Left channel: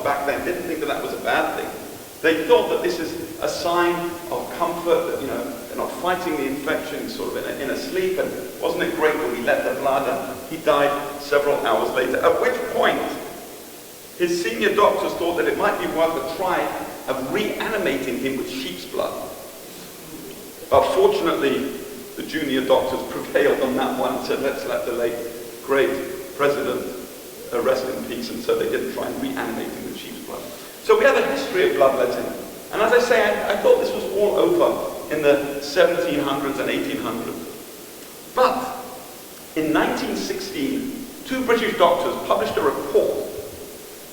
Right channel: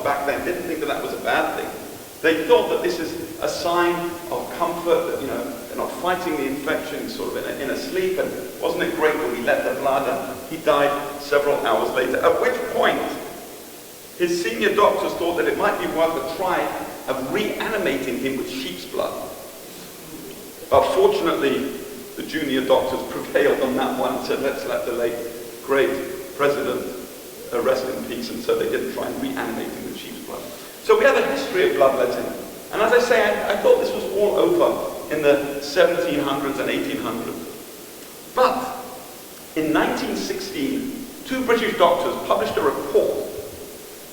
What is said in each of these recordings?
doctors back then didn't think that that was a bad thing. They thought that this is a sign of comfort, that, you know, they're not fighting the infection sort of in a sleep, and wasn't it great that we let the blood, and he died several hours later, at which point his senior doctors thought that it might be worth a try of reanimating him with sheep's blood. But fortunately, the junior doctors prevailed on that one and said, let's let the late, great president rest in peace, and so they didn't try and reanimate him with sheep's blood. So we have a history of bloodletting. And as I say, I thought this was all over in the 1700s and 1800s. But in 1916, two British doctors published a report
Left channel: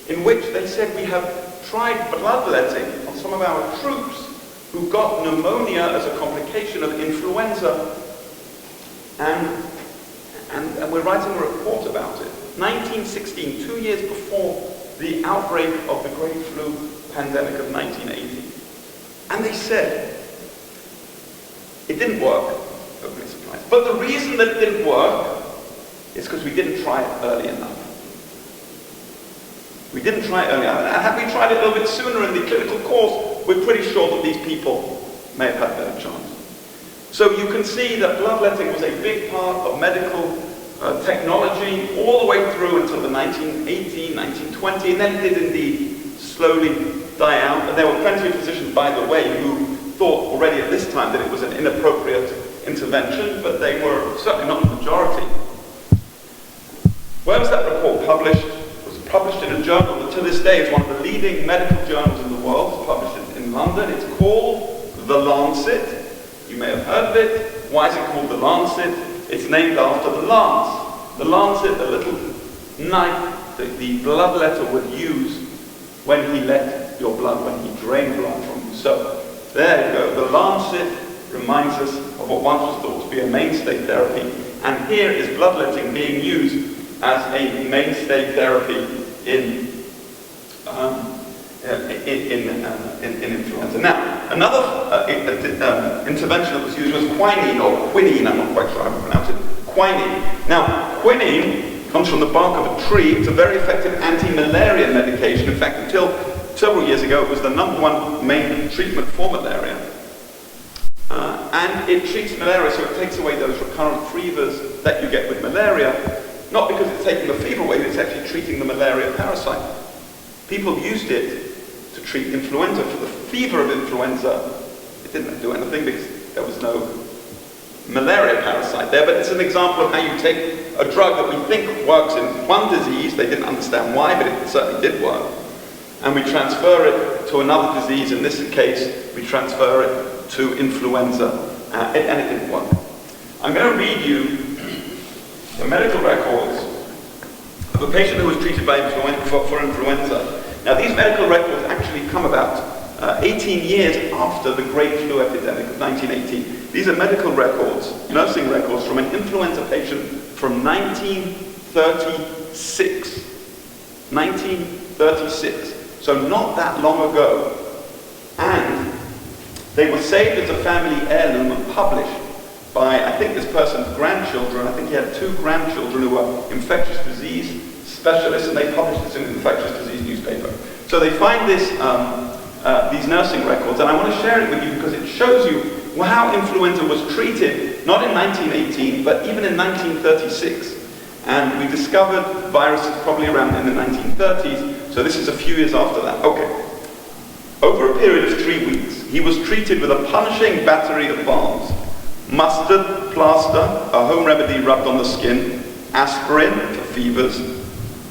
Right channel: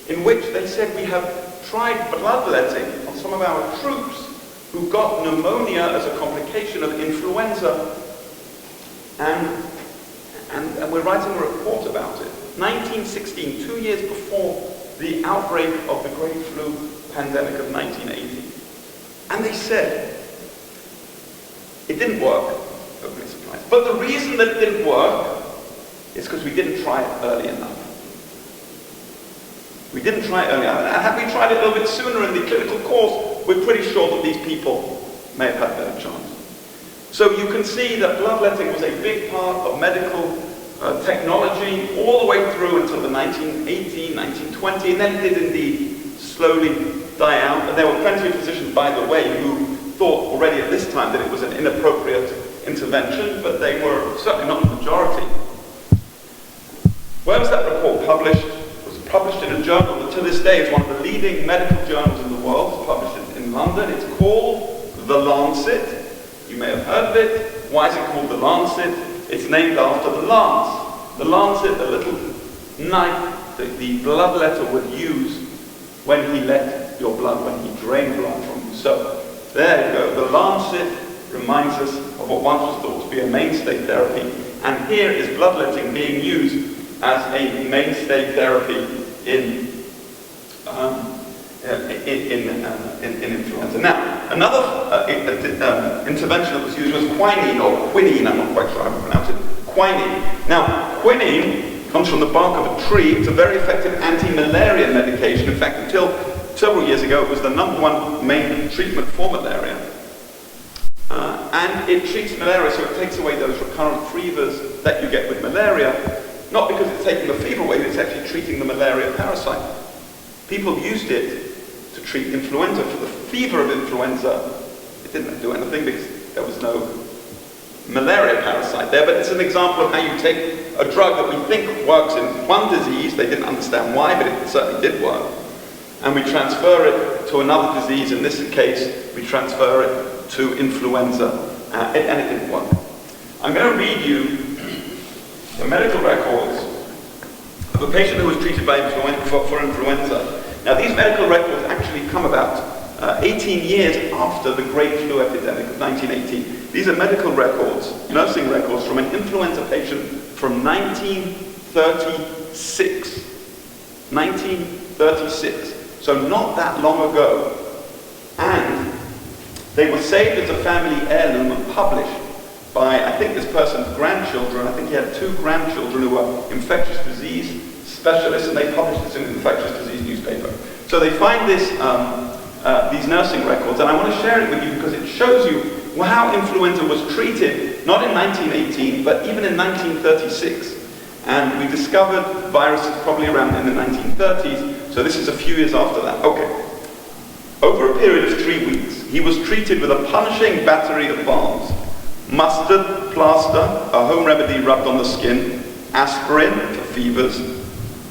in which they said we have tried bloodletting on some of our troops who got pneumonia as a complication of influenza. And we're writing a report about it. 1916, 2 years before the outbreak of the Great Flu pandemic of 1980. And they said, it didn't work, opening supplies. But the reason that it didn't work is because we didn't try it early enough. We didn't try it early enough. And had we tried it a little bit sooner in the clinical course, we're pretty sure that these people may have had a better chance. So you can see that bloodletting was a big part of medical technology all the way through until the 1918, 1920, and then it did indeed slowly die out. And there were plenty of physicians, by the way, who thought already at this time that it was an inappropriate intervention, but they were certainly not the majority. Where was that report published? It was published in a journal that to this day is one of the leading medical journals in the world. It's published in London. It's called The Lancet. You may have heard of it. Why is it called The Lancet? It's named after the lance. The lancet, the little knife that the bloodletter would use when he let your blood, when he drained blood from you. So, there you go. The lancet reminds us of what once was thought to be a mainstay therapy. And here is bloodletting being used as a mainstay therapy in influenza. Now, another intervention that was used was quinine, or quinine, I'm not quite sure how to pronounce it, quinine. Now, quinine comes from the bark of a tree. It's a very effective anti-malaria medication. In fact, until several years ago, it was the #1 main treatment for malaria. And it treats malaria, so it takes away those recurrent fevers that you get with malaria, not because it's taking the fever away, but it's actually treating the malaria parasite. People used it to treat influenza. For the fever of influenza, it didn't do anything because there was no malaria parasite there, but it's an example of how you take a drug that we think works in one disease, they didn't understand why, but it certainly did work, and we transfer it to another disease. In this case, we transfer it to influenza, and it didn't work. I'm going to read you the medical records of a patient who was treated by for influenza. Now, these medical records actually come about 18 years after the Great Flu epidemic of 1918. These are medical records, nursing records from an influenza patient from 1936. 1936. So not that long ago. And they were saved as a family heirloom and published by, I think, this person's grandchildren. I think he had 2 grandchildren who were infectious disease specialists, and they published this in an infectious disease newspaper. So they find this, these nursing records, and I want to share it with you because it shows you how influenza was treated, not in 1918, but even in 1936. And we discovered viruses probably around in the 1930s, so this is a few years after that. Okay. Over a period of 3 weeks, he was treated with a punishing battery of balms: mustard, plaster, a home remedy rubbed on the skin, aspirin for fevers,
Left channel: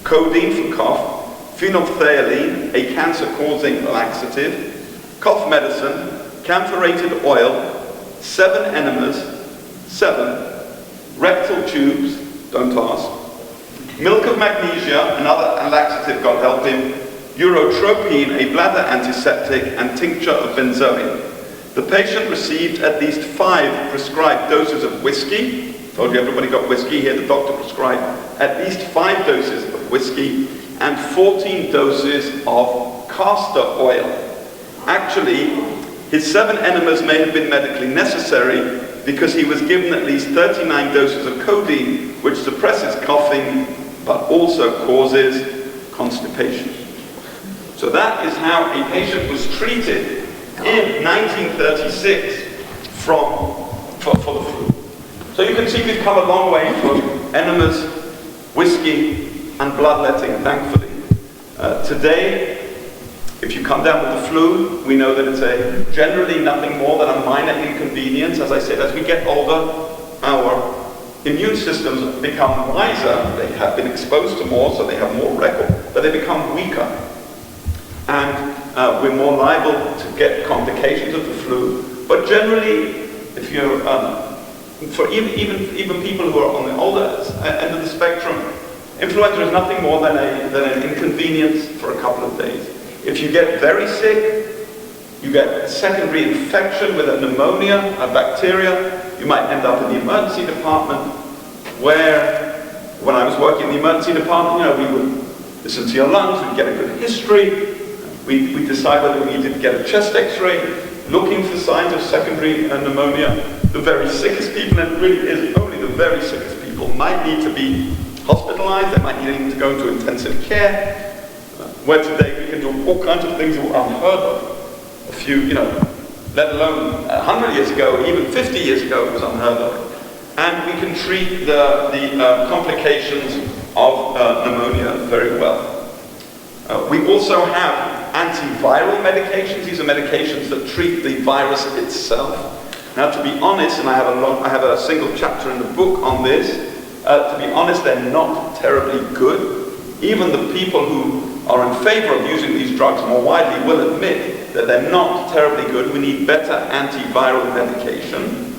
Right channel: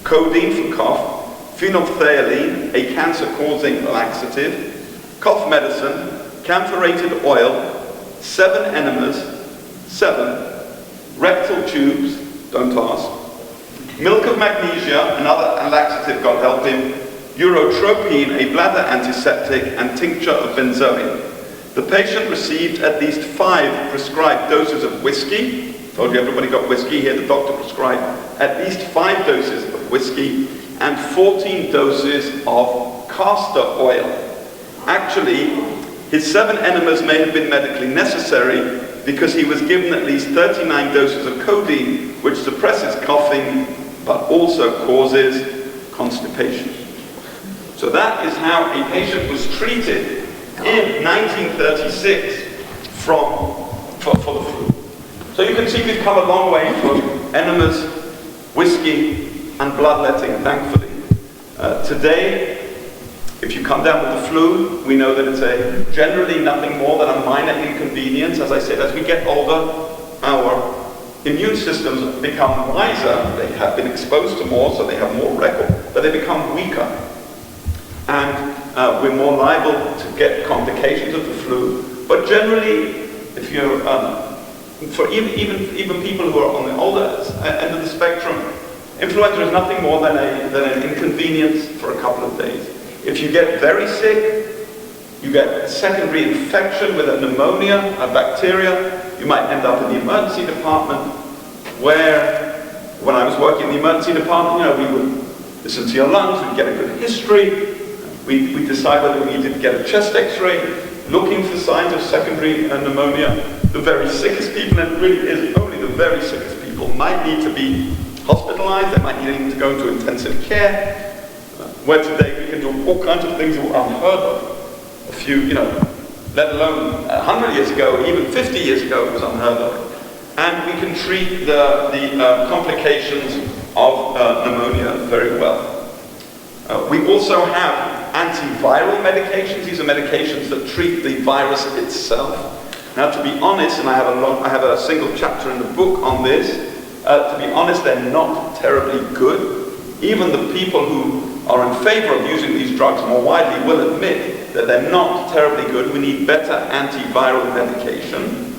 codeine for cough, phenolphthalein, a cancer-causing laxative, cough medicine, camphorated oil, 7 enemas, 7, rectal tubes, don't ask, milk of magnesia, another laxative, God help him, urotropine, a bladder antiseptic, and tincture of benzoin. The patient received at least 5 prescribed doses of whiskey. Told you everybody got whiskey. Here the doctor prescribed at least 5 doses of whiskey and 14 doses of castor oil. Actually, his 7 enemas may have been medically necessary because he was given at least 39 doses of codeine, which suppresses coughing but also causes constipation. So that is how a patient was treated in 1936 for the flu. So you can see we've come a long way from enemas, whiskey, and bloodletting, thankfully. Today, if you come down with the flu, we know that it's generally nothing more than a minor inconvenience. As I said, as we get older, our immune systems become wiser. They have been exposed to more, so they have more record, but they become weaker. And we're more liable to get complications of the flu. But generally, if you're, for even people who are on the older end of the spectrum, influenza is nothing more than an inconvenience for a couple of days. If you get very sick, you get a secondary infection with a pneumonia, a bacteria, you might end up in the emergency department, where, when I was working in the emergency department, we would listen to your lungs, we'd get a good history, we'd decide whether we needed to get a chest x-ray, looking for signs of secondary pneumonia. The very sickest people, and it really is only the very sickest people, might need to be hospitalized, they might need to go into intensive care, where today we can do all kinds of things that were unheard of. A few, let alone 100 years ago, even 50 years ago, it was unheard of. And we can treat the complications of pneumonia very well. We also have antiviral medications. These are medications that treat the virus itself. Now, to be honest, and I have a single chapter in the book on this, to be honest, they're not terribly good. Even the people who are in favor of using these drugs more widely will admit that they're not terribly good. We need better antiviral medication.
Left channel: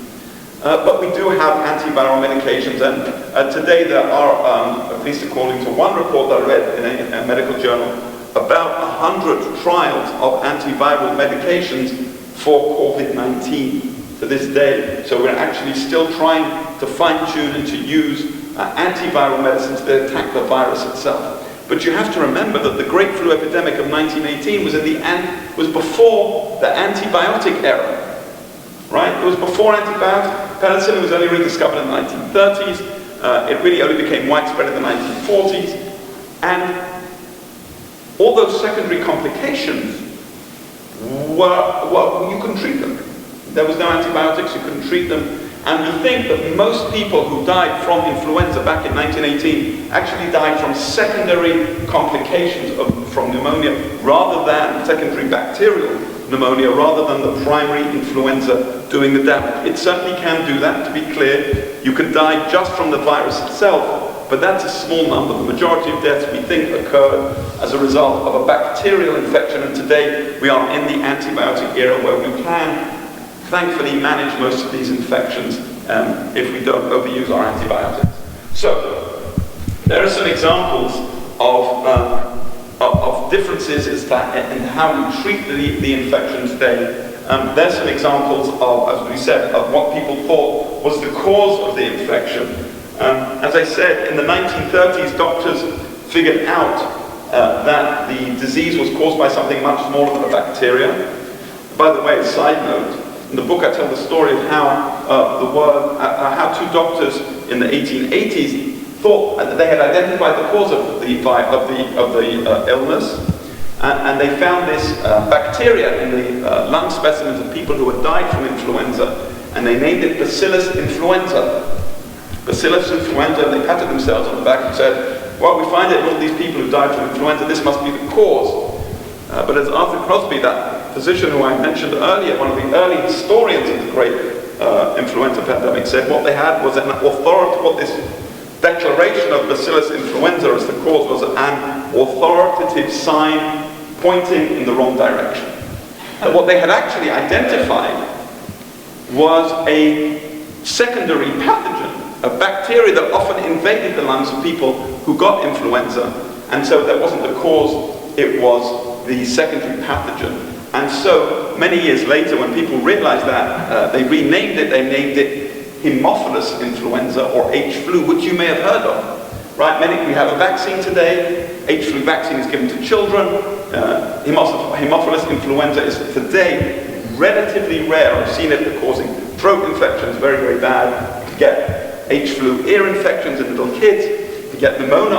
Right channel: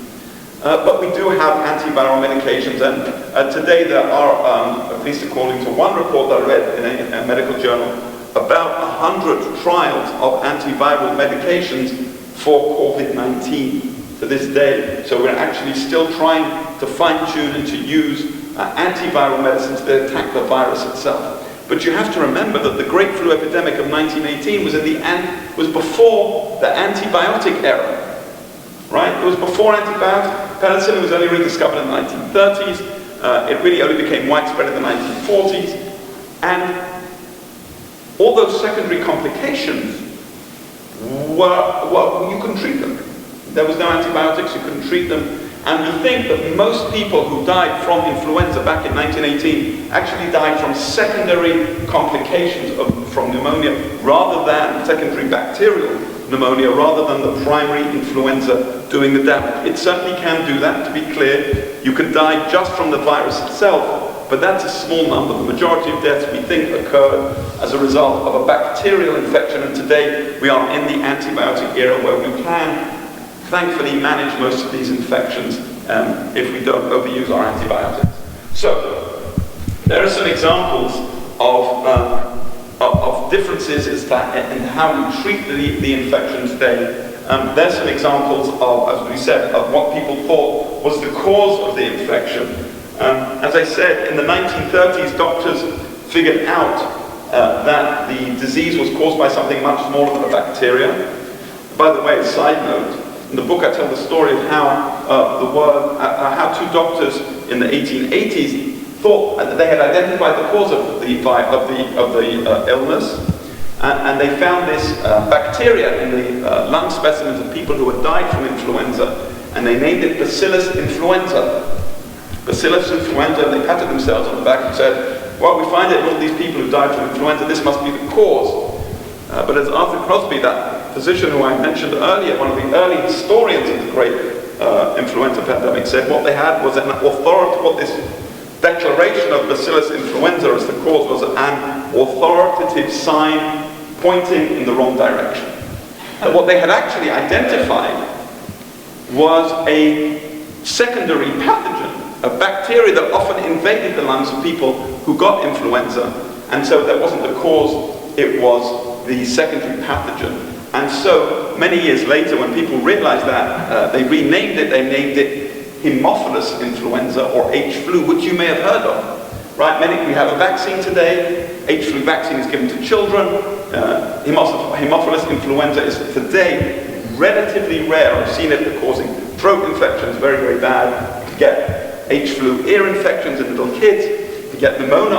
But we do have antiviral medications, and today there are, at least according to one report that I read in a medical journal, about 100 trials of antiviral medications for COVID-19 to this day. So we're actually still trying to fine-tune and to use antiviral medicines to attack the virus itself. But you have to remember that the Great Flu epidemic of 1918 was before the antibiotic era, right? It was before antibiotics. Penicillin was only rediscovered in the 1930s. It really only became widespread in the 1940s. And all those secondary complications you couldn't treat them. There was no antibiotics, you couldn't treat them. And we think that most people who died from influenza back in 1918 actually died from secondary complications from pneumonia rather than secondary bacterial pneumonia, rather than the primary influenza doing the damage. It certainly can do that, to be clear. You can die just from the virus itself, but that's a small number. The majority of deaths we think occurred as a result of a bacterial infection, and today we are in the antibiotic era where we can thankfully manage most of these infections if we don't overuse our antibiotics. So, there are some examples of differences in how we treat the infection today. There's some examples of, as we said, of what people thought was the cause of the infection. As I said, in the 1930s, doctors figured out that the disease was caused by something much smaller than a bacteria. By the way, a side note, in the book I tell the story of how how two doctors in the 1880s thought that they had identified the cause of the illness, and they found this bacteria in the lung specimens of people who had died from influenza, and they named it Bacillus influenza. Bacillus influenza, and they patted themselves on the back and said, well, we find it in all these people who died from influenza, this must be the cause. But as Arthur Crosby, that physician who I mentioned earlier, one of the early historians of the great influenza pandemic, said what they had was an authority, what this declaration of Bacillus influenza as the cause was an authoritative sign pointing in the wrong direction. And what they had actually identified was a secondary pathogen, a bacteria that often invaded the lungs of people who got influenza, and so that wasn't the cause, it was the secondary pathogen. And so, many years later, when people realized that, they renamed it, they named it Haemophilus influenza, or H-flu, which you may have heard of. Right? We have a vaccine today, H-flu vaccine is given to children, Haemophilus influenza is today relatively rare. I've seen it causing throat infections, very, very bad. You get H-flu ear infections in little kids. You get pneumonia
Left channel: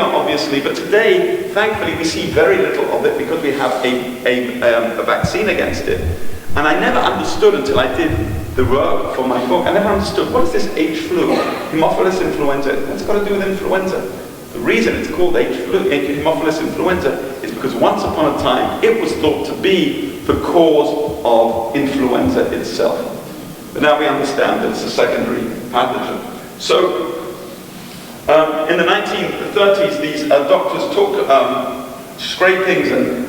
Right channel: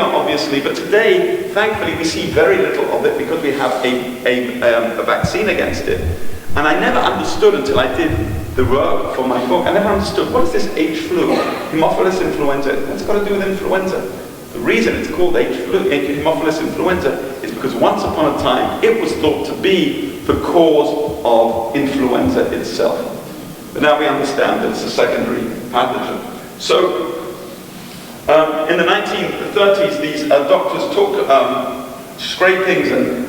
obviously, but today, thankfully, we see very little of it because we have a vaccine against it. And I never understood until I did the work for my book, I never understood, what is this H flu? Haemophilus influenza. What's it got to do with influenza? The reason it's called Haemophilus influenza is because once upon a time, it was thought to be the cause of influenza itself. But now we understand that it's a secondary pathogen. So, in the 1930s, these doctors took scrapings and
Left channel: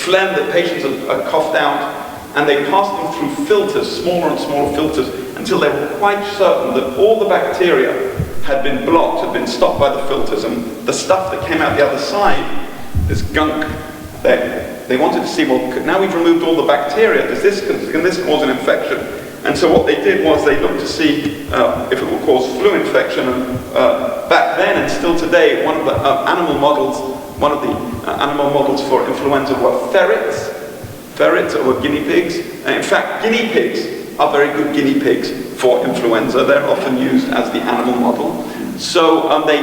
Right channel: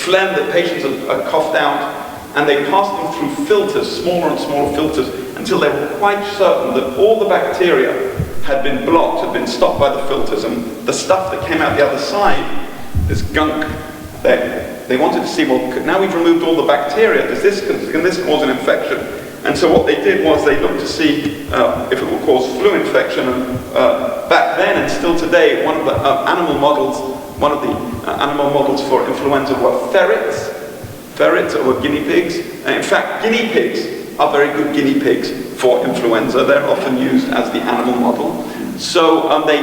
phlegm that patients had coughed out, and they passed them through filters, smaller and smaller filters, until they were quite certain that all the bacteria had been blocked, had been stopped by the filters, and the stuff that came out the other side, this gunk, they wanted to see, well, now we've removed all the bacteria, can this cause an infection? And so what they did was they looked to see if it would cause flu infection. And back then and still today, one of the animal models for influenza were ferrets. Ferrets were guinea pigs. And in fact, guinea pigs are very good guinea pigs for influenza. They're often used as the animal model. So they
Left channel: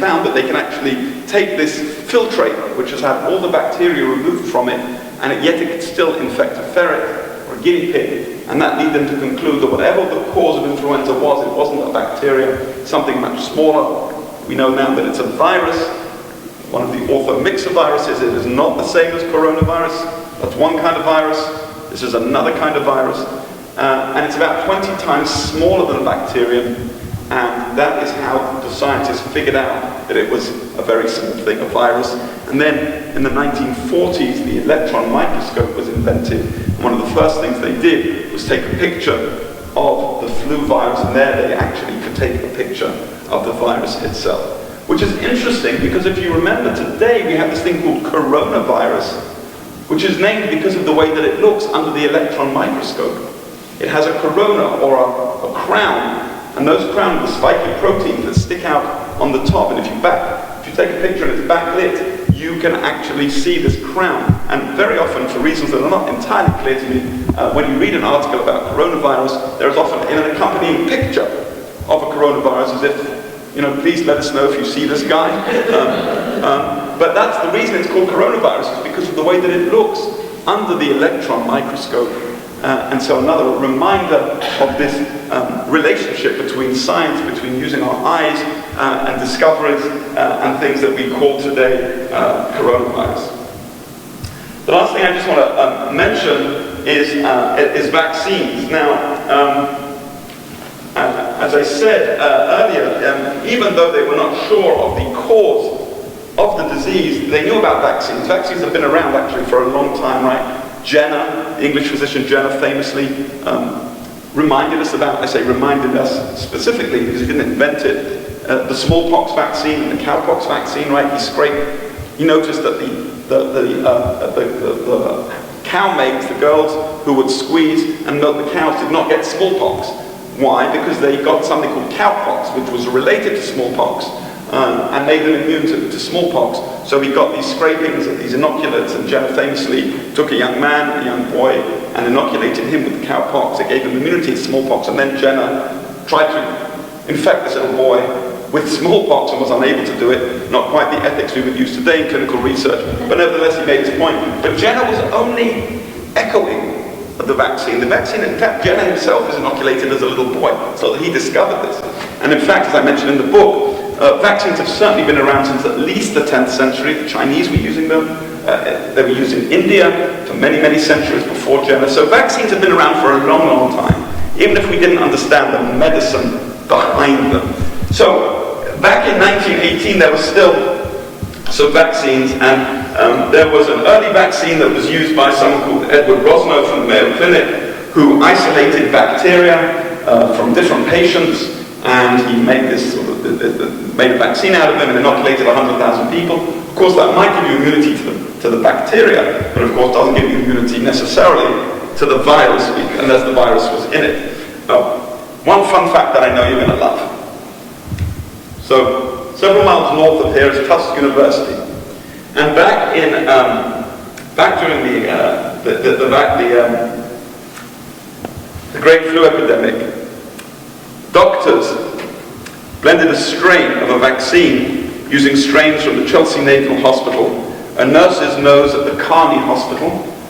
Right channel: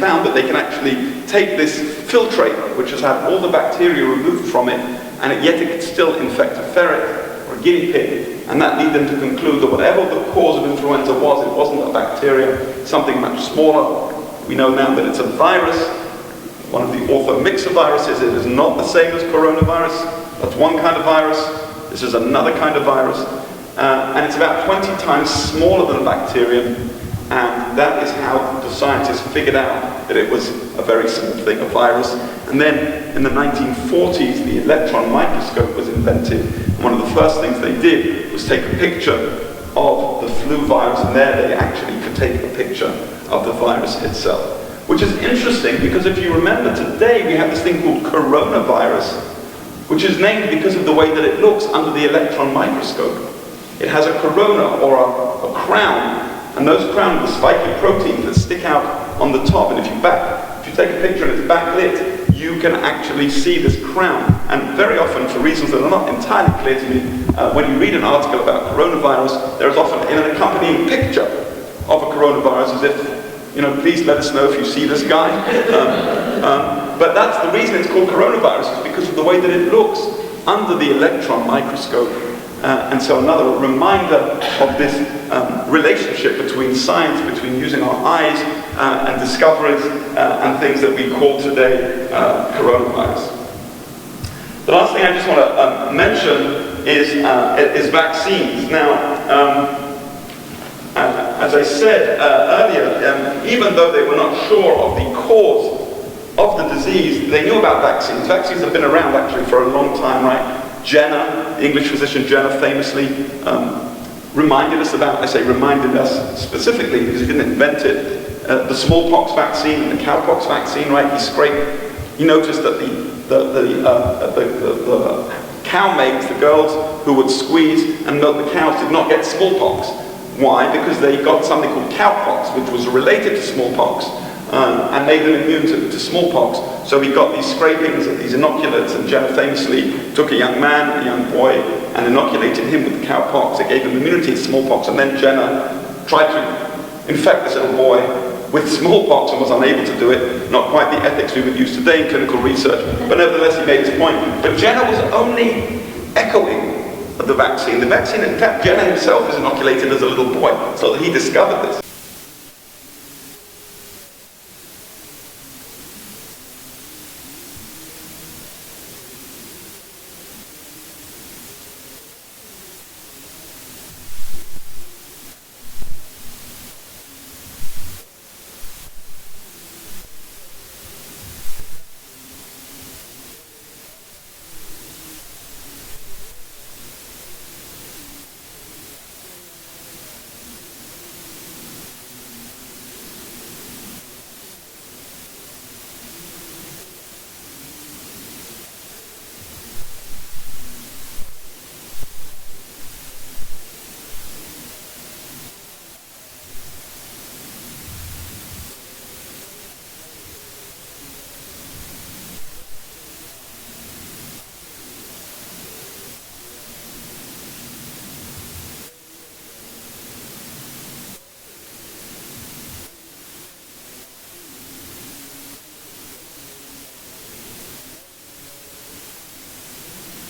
found that they can actually take this filtrate, which has had all the bacteria removed from it, and yet it could still infect a ferret or a guinea pig. And that led them to conclude that whatever the cause of influenza was, it wasn't a bacteria, something much smaller. We know now that it's a virus. One of the orthomyxoviruses. It is not the same as coronavirus. That's one kind of virus. This is another kind of virus. And it's about 20 times smaller than a bacterium. And that is how the scientists figured out that it was a very simple thing, a virus. And then in the 1940s, the electron microscope was invented. And one of the first things they did was take a picture of the flu virus, and there they actually could take a picture of the virus itself. Which is interesting, because if you remember today, we have this thing called coronavirus, which is named because of the way that it looks under the electron microscope. It has a corona, or a crown, and those crowns are spiky proteins that stick out on the top. And if you take a picture and it's backlit, you can actually see this crown. And very often, for reasons that are not entirely clear to me, when you read an article about coronavirus, there is often an accompanying picture of a coronavirus, as if, please let us know if you see this guy. But that's the reason it's called coronavirus, is because of the way that it looks under the electron microscope. And so another reminder of this relationship between science, between using our eyes and discoveries and things that we call today coronavirus. The last thing I just want to mention is vaccines. Now, as I said earlier, even though they were not sure of the cause of the disease, they knew about vaccines. Vaccines have been around actually for a long time, right? Jenner, the English physician Jenner, famously reminded us specifically because he didn't invent it, the smallpox vaccine and the cowpox vaccine, right? He noticed that the cow maids, the girls who would squeeze and milk the cows, did not get smallpox. Why? Because they got something called cowpox, which was related to smallpox, and made them immune to smallpox. So he got these scrapings of these inoculants, and Jenner famously took a young boy, and inoculated him with cowpox. It gave him immunity to smallpox, and then Jenner tried to infect this little boy with smallpox and was unable to do it. Not quite the ethics we would use today in clinical research, but nevertheless he made his point. But Jenner was only echoing the vaccine. The vaccine, in fact, Jenner himself was inoculated as a little boy, so that he discovered this. And in fact, as I mentioned in the book, vaccines have certainly been around since at least the 10th century. The Chinese were using them. They were used in India for many, many centuries before Jenner. So vaccines have been around for a long, long time, even if we didn't understand the medicine behind them. So back in 1918, there were still some vaccines, and there was an early vaccine that was used by someone called Edward Rosnow from the Mayo Clinic, who isolated bacteria from different patients, and he made this made a vaccine out of them and inoculated 100,000 people. Of course, that might give you immunity to the bacteria, but of course doesn't give you immunity necessarily to the virus, unless the virus was in it. One fun fact that I know you're going to love. So, several miles north of here is Tufts University, and back during the Great Flu Epidemic, doctors blended a strain of a vaccine using strains from the Chelsea Naval Hospital, a nurse's nose at the Carney Hospital,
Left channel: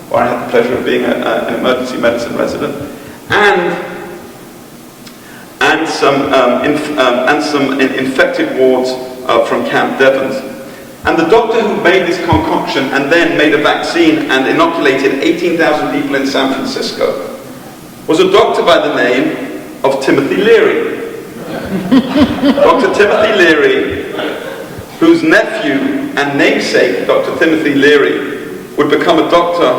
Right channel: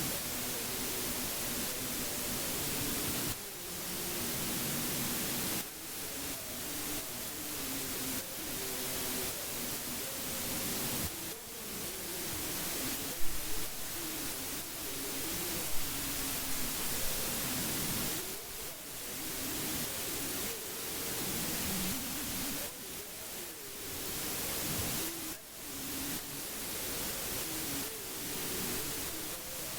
where I had the pleasure of being an emergency medicine resident, and some infected wards from Camp Devons. And the doctor who made this concoction and then made a vaccine and inoculated 18,000 people in San Francisco was a doctor by the name of Timothy Leary. Dr. Timothy Leary, whose nephew and namesake, Dr. Timothy Leary, would become a doctor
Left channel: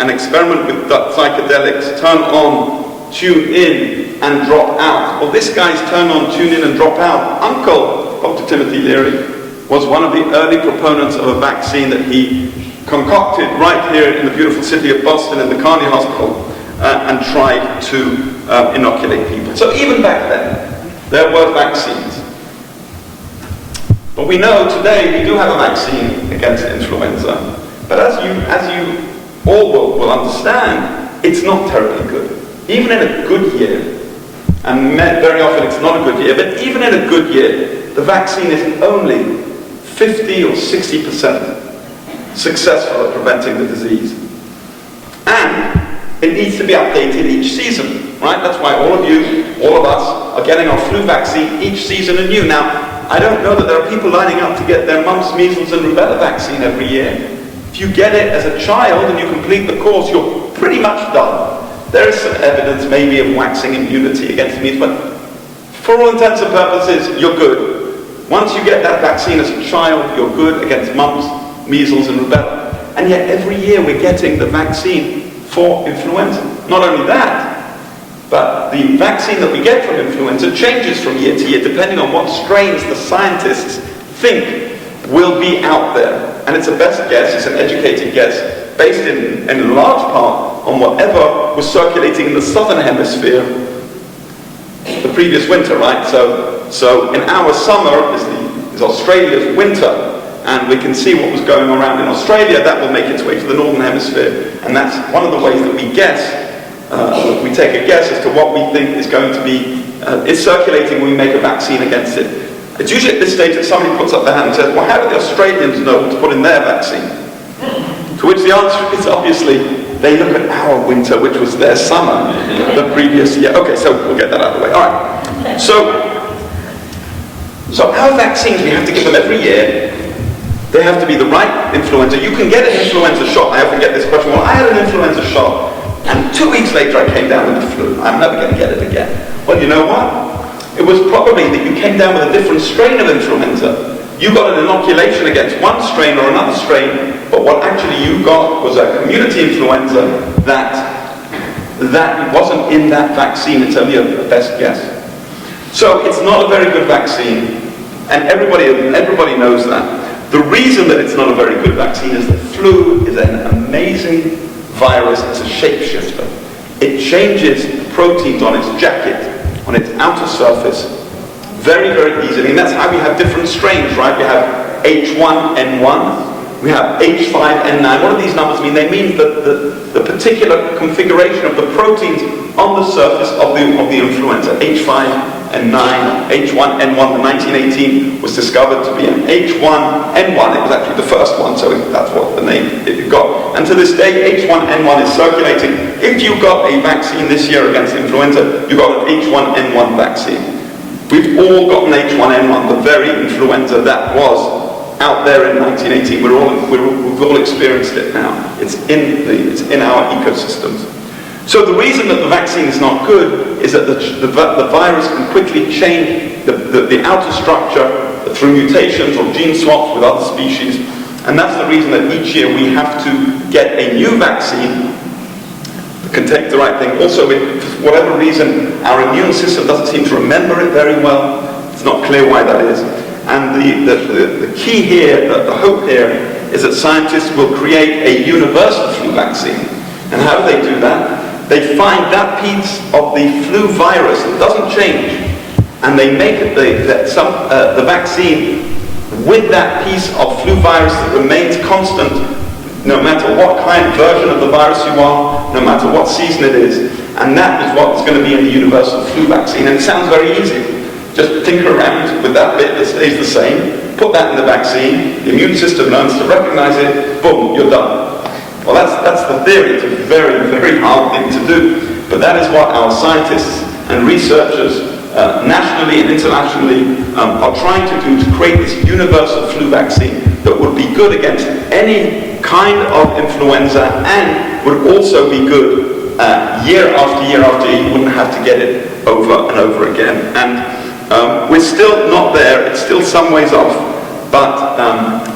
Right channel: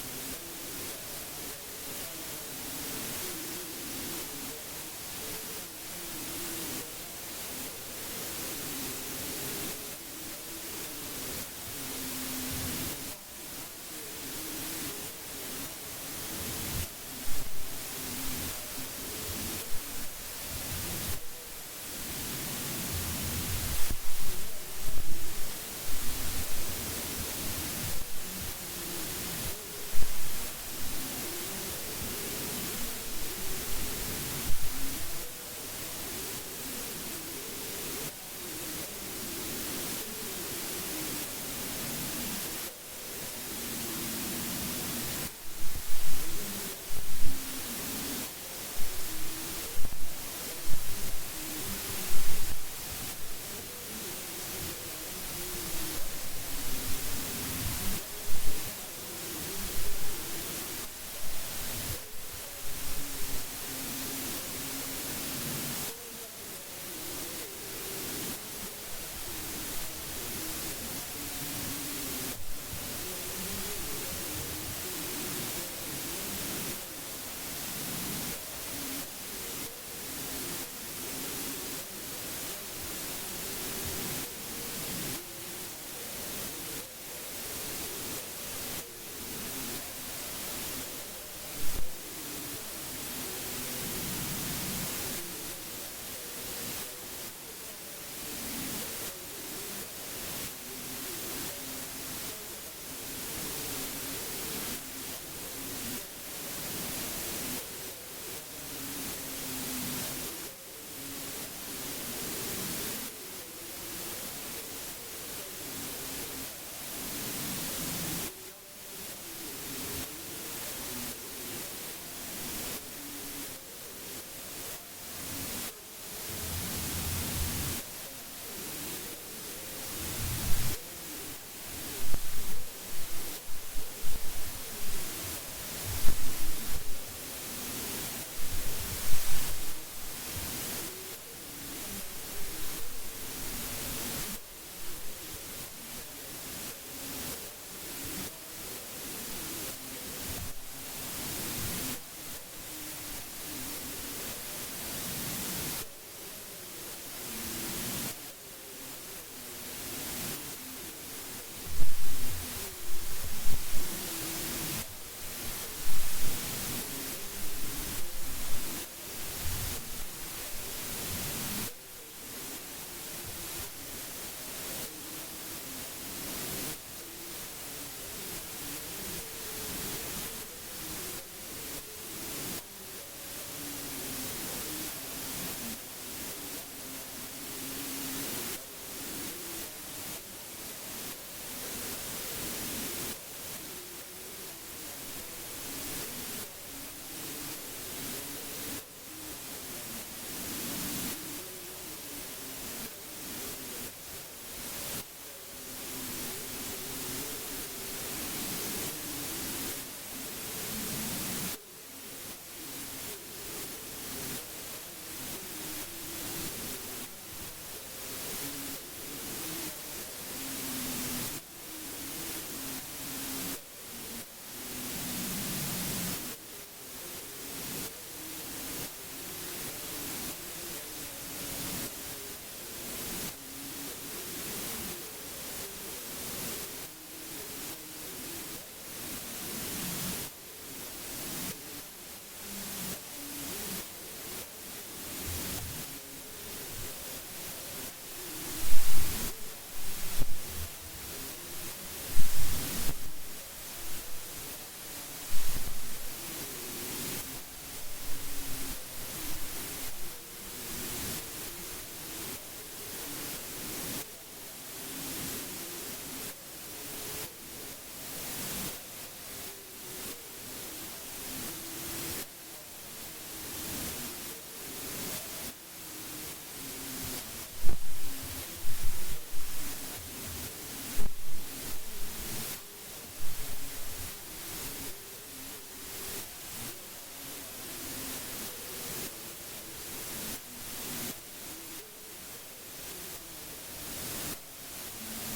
and experiment with psychedelics, turn on, tune in, and drop out. Well, this guy's turn on, tune in, and drop out uncle, Dr. Timothy Leary, was one of the early proponents of a vaccine that he concocted right here in the beautiful city of Boston in the Carney Hospital and tried to inoculate people. So even back then, there were vaccines. But we know today we do have a vaccine against influenza. But as you all will understand, it's not terribly good. Even in a good year, and very often it's not a good year, but even in a good year, the vaccine is only 50 or 60% successful at preventing the disease. And it needs to be updated each season, right? That's why all of you, all of us, are getting our flu vaccine each season anew. Now, I don't know that there are people lining up to get their mumps, measles, and rubella vaccine every year. If you get it as a child and you complete the course, you're pretty much done. There is some evidence maybe of waxing immunity against measles, but for all intents and purposes, you're good. Once you get that vaccine as a child, you're good against mumps, measles, and rubella. And yet every year we're getting the vaccine for influenza. Not only that, but the vaccine that we get from influenza changes from year to year depending on what strains the scientists think will be out there. And it's a best guess, it's an educated guess, based in large part on whatever was circulating in the southern hemisphere the previous winter, right? So in our summer is Australia's winter, and we can see what was going around in Australia. That will make its way to the northern hemisphere, and that's one of the ways that we guess. We take a guess as to what we think is going to be is circulating when we make a vaccine against it. It's usually at this stage that somebody puts up their hand and says, well, how do the Australians know what to put in their vaccine? To which the answer is obviously they look at our winter, which was their summer the previous year. Okay, so we'll get that out of the way. All right. So our vaccines, we have to give them every year. They have to be the right influenza. You can get an influenza shot. I often get this question, well, I had an influenza shot, and 2 weeks later I came down with the flu. I'm never going to get it again. Well, you know what? It was probably that you came down with a different strain of influenza. You got an inoculation against one strain or another strain, but what actually you got was a community influenza that wasn't in that vaccine. It's only a best guess. So it's not a very good vaccine, and everybody knows that. The reason that it's not a very good vaccine is that flu is an amazing virus. It's a shapeshifter. It changes proteins on its jacket, on its outer surface, very, very easily. And that's how we have different strains, right? We have H1N1, we have H5N9. What do these numbers mean? They mean the particular configuration of the proteins on the surface of the influenza. H5N9, H1N1, the 1918 was discovered to be an H1N1. It was actually the first one, so that's what the name it got. And to this day, H1N1 is circulating. If you got a vaccine this year against influenza, you got an H1N1 vaccine. We've all got an H1N1, the very influenza that was out there in 1918. We've all experienced it now. It's in our ecosystems. So the reason that the vaccine is not good is that the virus can quickly change the outer structure through mutations or gene swaps with other species, and that's the reason that each year we have to get a new vaccine that can take the right thing. Also, for whatever reason, our immune system doesn't seem to remember it very well. It's not clear why that is. And the key here, the hope here, is that scientists will create a universal flu vaccine. And how do they do that? They find that piece of the flu virus that doesn't change, and they make the vaccine with that piece of flu virus that remains constant no matter what kind of version of the virus you are, no matter what season it is. And that is what's going to be in the universal flu vaccine. And it sounds very easy. Just tinker around with that bit that stays the same, put that in the vaccine, the immune system learns to recognize it, boom, you're done. Well, that's the theory. It's a very, very hard thing to do. But that is what our scientists and researchers nationally and internationally are trying to do, to create this universal flu vaccine that would be good against any kind of influenza and would also be good year after year after year. You wouldn't have to get it over and over again. And we're still not there. It's still some ways off, but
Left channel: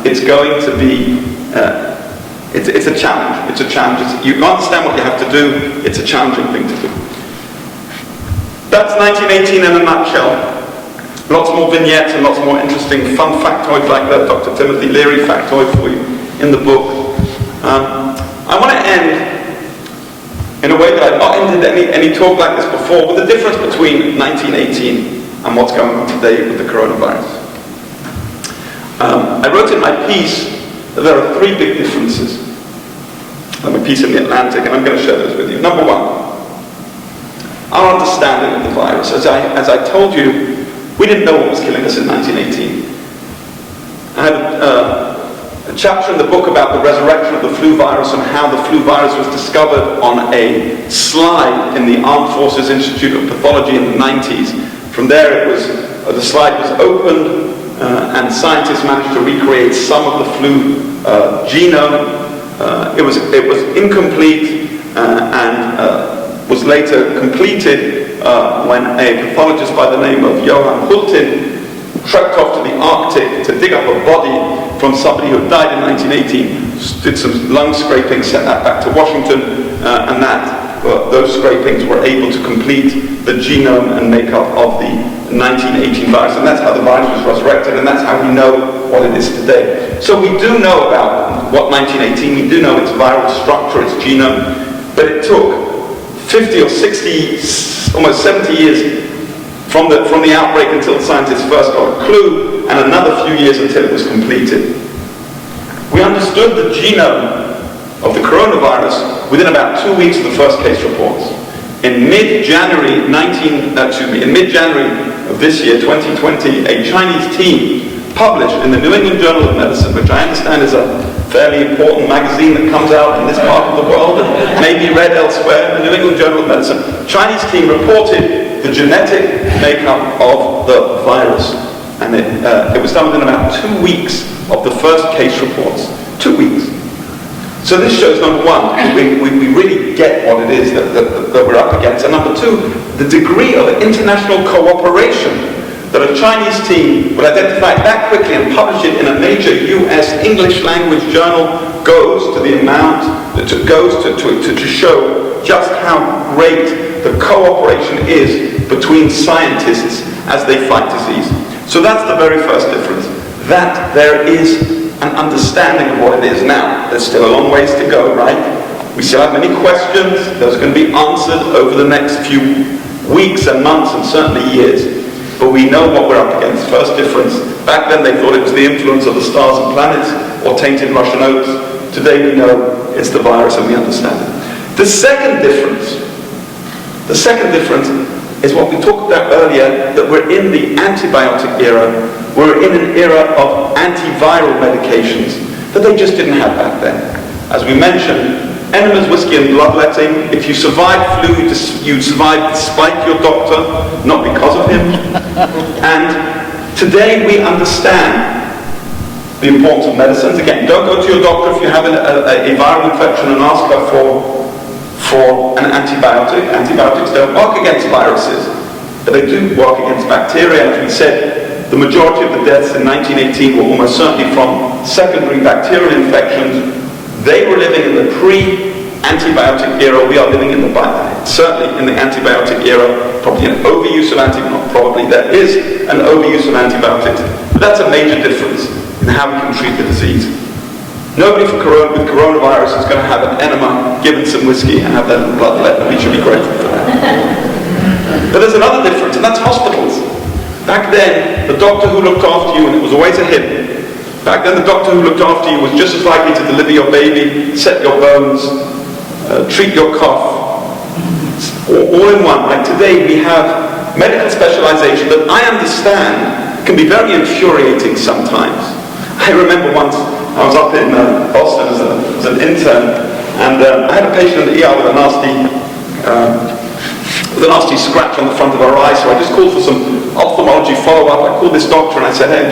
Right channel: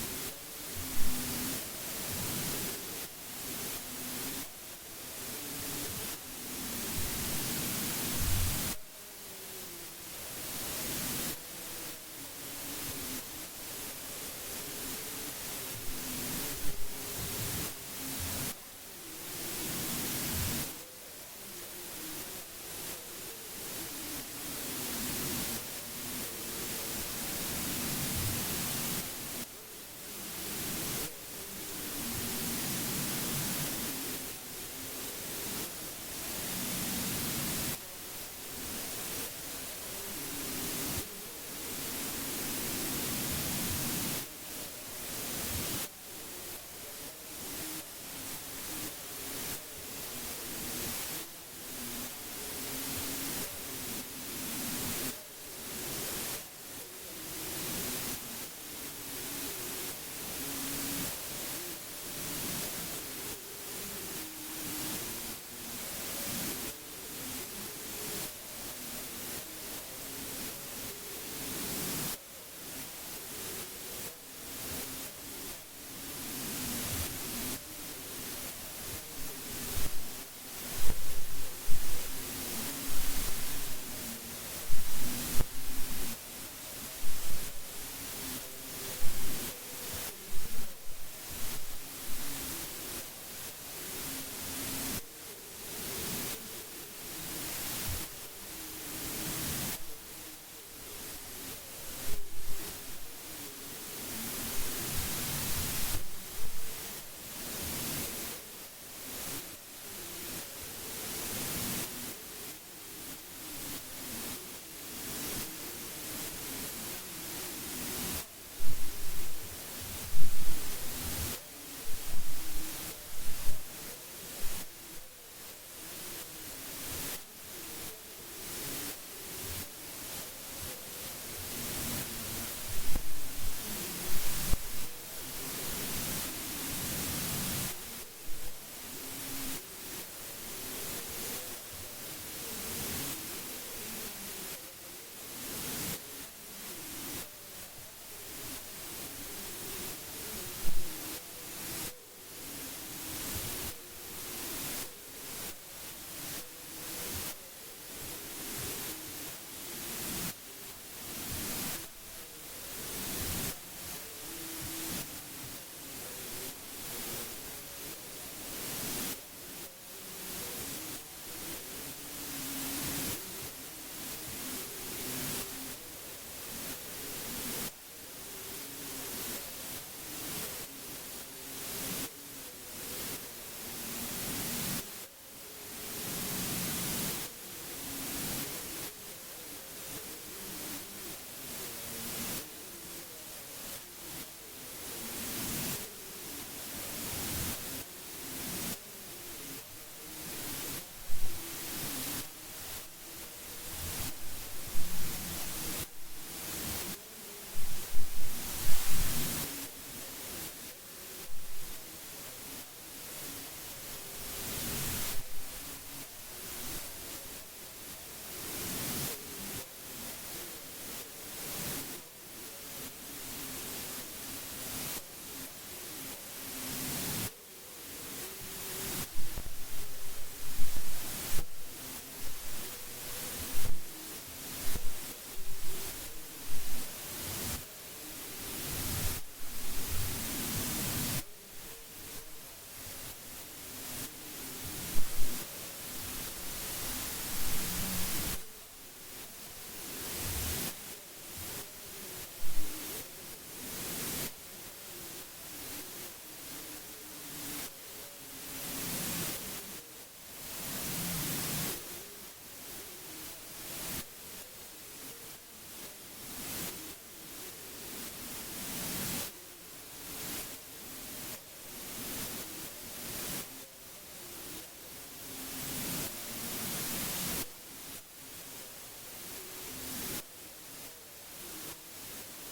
it's going to be it's a challenge. It's a challenge. You understand what you have to do. It's a challenging thing to do. That's 1918 in a nutshell. Lots more vignettes and lots more interesting fun factoids like that Dr. Timothy Leary factoid for you in the book. I want to end in a way that I've not ended any talk like this before, with the difference between 1918 and what's going on today with the coronavirus. I wrote in my piece that there are three big differences. My piece in the Atlantic, and I'm going to share those with you. Number one, our understanding of the virus. As I told you, we didn't know what was killing us in 1918. I had a chapter in the book about the resurrection of the flu virus and how the flu virus was discovered on a slide in the Armed Forces Institute of Pathology in the 90s. From there, the slide was opened, and scientists managed to recreate some of the flu genome. It was incomplete and was later completed when a pathologist by the name of Johann Hultin trekked off to the Arctic to dig up a body from somebody who had died in 1918, did some lung scraping, sent that back to Washington, and those scrapings were able to complete the genome and makeup of the 1918 virus, and that's how the virus was resurrected, and that's how we know what it is today. So we do know about what 1918, we do know its viral structure, its genome, but it took 50 or 60, almost 70 years from the outbreak until the scientists first got a clue, and another few years until it was completed. We understood the genome of the coronavirus within about 2 weeks of the first case reports. In mid-January of this year, 2020, a Chinese team published in the New England Journal of Medicine, which I understand is a fairly important magazine that comes out in this part of the world and may be read elsewhere, the New England Journal of Medicine, Chinese team reported the genetic makeup of the virus. And it was done within about 2 weeks of the first case reports. 2 weeks. So this shows, number one, we really get what it is that we're up against. And number two, the degree of international cooperation that a Chinese team would identify that quickly and publish it in a major US English language journal goes to the amount, to show just how great the cooperation is between scientists as they fight disease. So that's the very first difference, that there is an understanding of what it is. Now, there's still a long ways to go, right? We still have many questions. Those are going to be answered over the next few weeks and months and certainly years. But we know what we're up against. First difference, back then they thought it was the influence of the stars and planets or tainted Russian oats. Today we know it's the virus and we understand it. The second difference is what we talked about earlier, that we're in the antibiotic era. We're in an era of antiviral medications that they just didn't have back then. As we mentioned, enemas, whiskey and bloodletting. If you survived flu, you survived despite your doctor, not because of him. And today we understand the importance of medicines. Again, don't go to your doctor if you have a viral infection and ask her for an antibiotic. Antibiotics don't work against viruses, but they do work against bacteria. As we said, the majority of the deaths in 1918 were almost certainly from secondary bacterial infections. They were living in the pre-antibiotic era. We are living in certainly in the antibiotic era, probably an overuse of antibiotics. Probably there is an overuse of antibiotics. But that's a major difference in how we can treat the disease. Nobody with coronavirus is going to have an enema, given some whiskey, and have their blood let. We should be grateful for that. But there's another difference, and that's hospitals. Back then, the doctor who looked after you, and it was always a him, back then the doctor who looked after you was just as likely to deliver your baby, set your bones, treat your cough, all in one. Right? Today we have medical specialization that I understand can be very infuriating sometimes. I remember once I was up in Boston as an intern, and I had a patient in the ER with a nasty scratch on the front of her eye, so I just called for some ophthalmology follow-up. I called this doctor and I said, hey,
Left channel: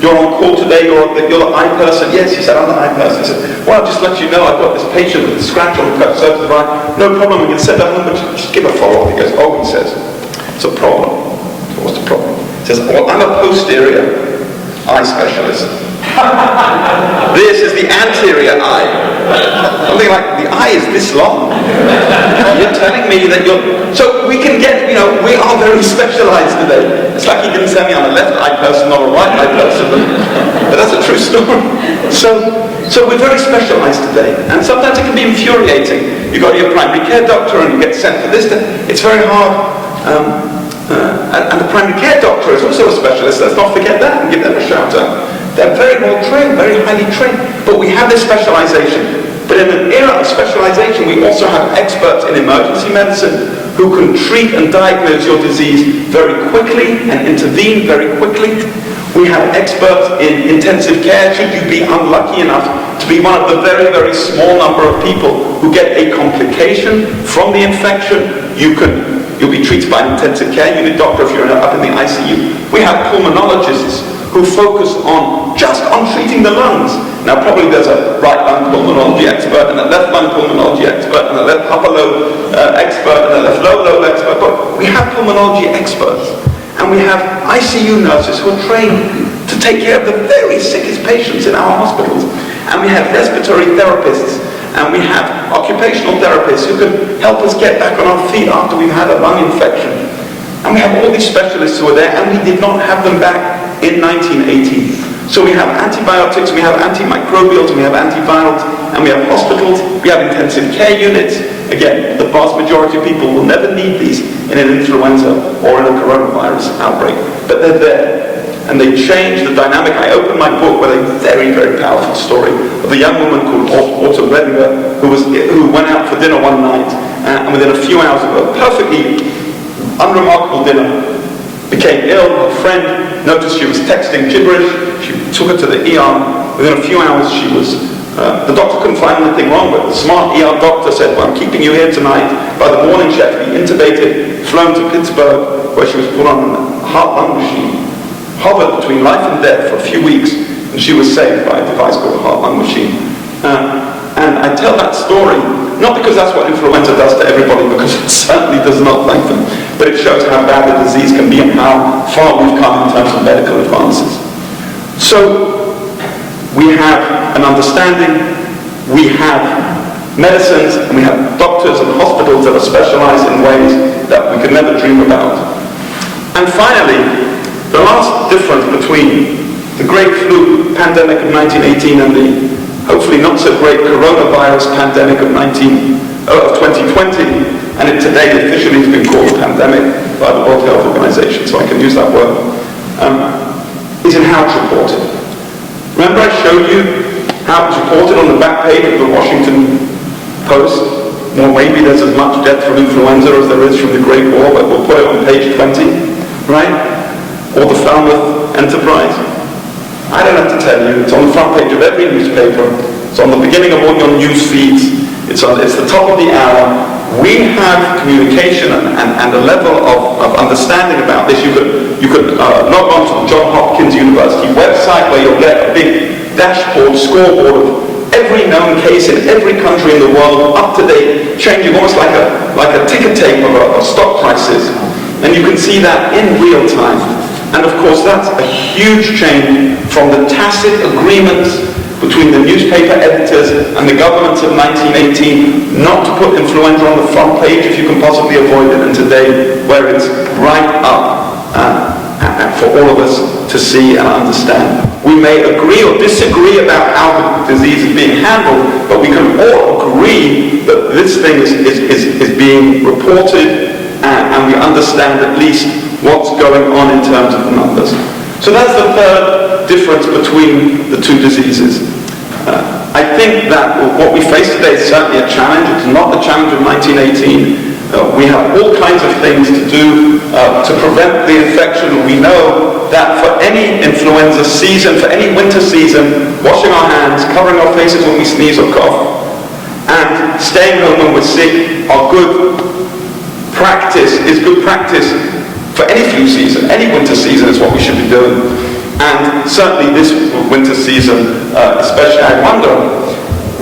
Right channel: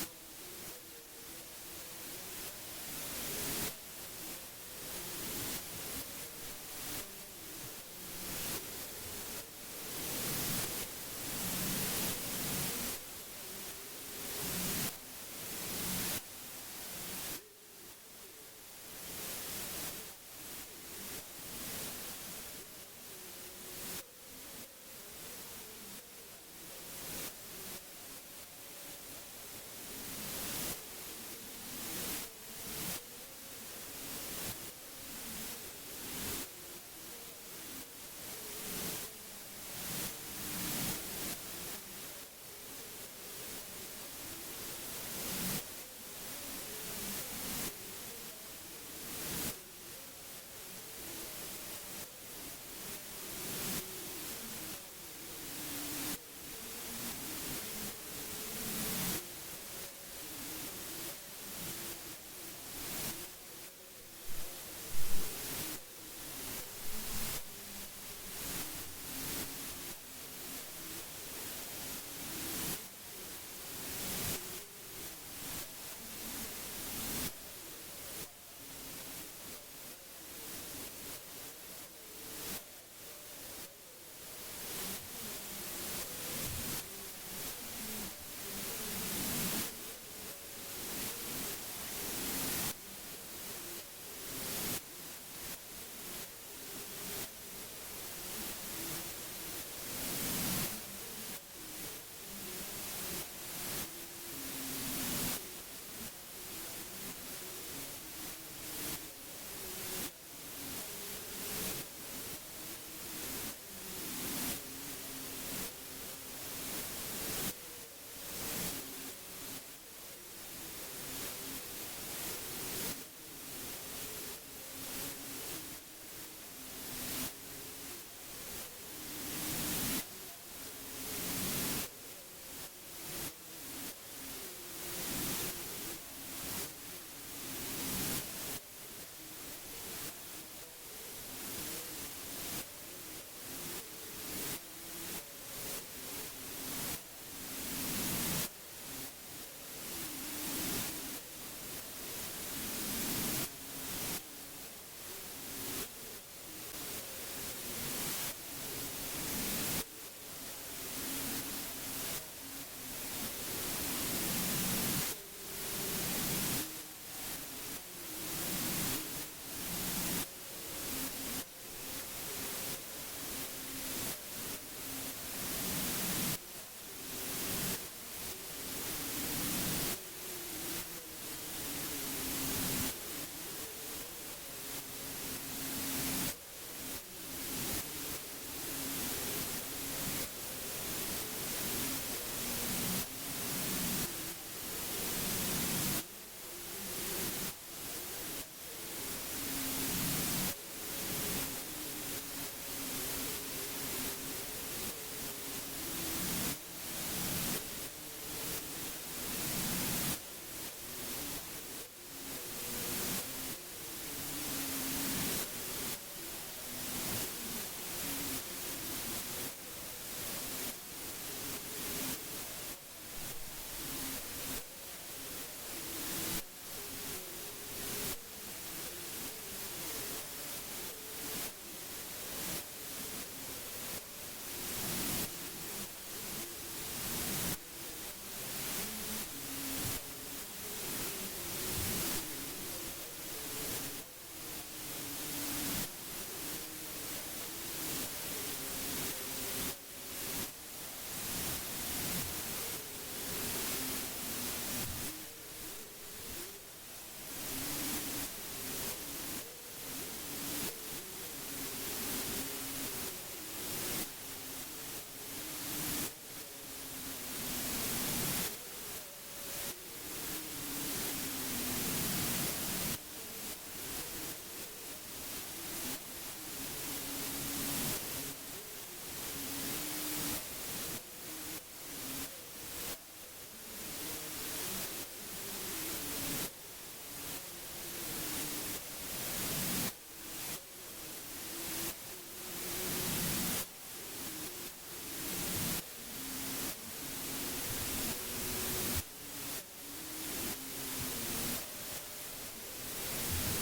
you're on call today, you're the eye person? Yes, he said, I'm the eye person. I said, well, I'll just let you know, I've got this patient with a scratch on the surface of the eye. No problem, we can send her home, but just give a follow-up. He goes, oh, he says, it's a problem. So what's the problem? He says, well, I'm a posterior eye specialist. This is the anterior eye. Something like, the eye is this long. You're telling me that so we can get, we are very specialized today. It's like he didn't tell me I'm a left eye person, not a right eye person, but that's a true story. So we're very specialized today, and sometimes it can be infuriating. You go to your primary care doctor and you get sent for this, it's very hard. And the primary care doctor is also a specialist, let's not forget that, and give them a shout out. They're very well trained, very highly trained, but we have this specialization. But in an era of specialization, we also have experts in emergency medicine who can treat and diagnose your disease very quickly and intervene very quickly. We have experts in intensive care. Should you be unlucky enough to be one of the very, very small number of people who get a complication from the infection, you'll be treated by an intensive care unit doctor if you're up in the ICU. We have pulmonologists who focus just on treating the lungs. Now probably there's a right lung pulmonology expert and a left lung pulmonology expert and a left upper lobe expert and a left lower lobe expert, but we have pulmonology experts. And we have ICU nurses who are trained to take care of the very sickest patients in our hospitals. And we have respiratory therapists, and we have occupational therapists who can help us get back on our feet after we've had a lung infection. And we have all these specialists who are there, and we did not have them back in 1918. So we have antibiotics, we have antimicrobials, we have antivirals, and we have hospitals, we have intensive care units. Again, the vast majority of people will never need these in an influenza or in a coronavirus outbreak, but they're there. And they change the dynamic. I opened my book with a very, very powerful story of a young woman called Autumn Redinger who went out for dinner one night, and within a few hours of a perfectly unremarkable dinner, became ill. Her friend noticed she was texting gibberish. She took her to the ER. Within a few hours, she was. The doctor couldn't find anything wrong with her. The smart ER doctor said, well, I'm keeping you here tonight. By the morning, she had to be intubated, flown to Pittsburgh, where she was put on a heart-lung machine, hovered between life and death for a few weeks, and she was saved by a device called a heart-lung machine. And I tell that story, not because that's what influenza does to everybody, because it certainly does not, thank them, but it shows how bad the disease can be and how far we've come in terms of medical advances. So, we have an understanding, we have medicines, and we have doctors and hospitals that are specialized in ways that we could never dream about. And finally, the last difference between the great flu pandemic of 1918 and the hopefully not so great coronavirus pandemic of 2020, and it today officially has been called a pandemic by the World Health Organization, so I can use that word, is in how it's reported. Remember I showed you how it was reported on the back page of the Washington Post? Well, maybe there's as much death from influenza as there is from the Great War, but we'll put it on page 20, right? Or the Falmouth Enterprise. I don't have to tell you, it's on the front page of every newspaper, it's on the beginning of all your news feeds, it's the top of the hour. We have communication and a level of understanding about this. You could log on to the Johns Hopkins University website where you'll get a big dashboard, scoreboard of every known case in every country in the world, up to date, changing almost like a ticker tape of stock prices. And you can see that in real time. And of course that's a huge change from the tacit agreements between the newspaper editors and the governments of 1918 not to put influenza on the front page if you can possibly avoid it, and today where it's right up for all of us to see and understand. We may agree or disagree about how the disease is being handled, but we can all agree that this thing is being reported and we understand at least what's going on in terms of the numbers. So that's the third difference between the two diseases. I think that what we face today is certainly a challenge. It's not the challenge of 1918. We have all kinds of things to do to prevent the infection. We know that for any influenza season, for any winter season, washing our hands, covering our faces when we sneeze or cough, and staying home when we're sick are good practice for any flu season. Any winter season is what we should be doing. And certainly this winter season, especially, I wonder,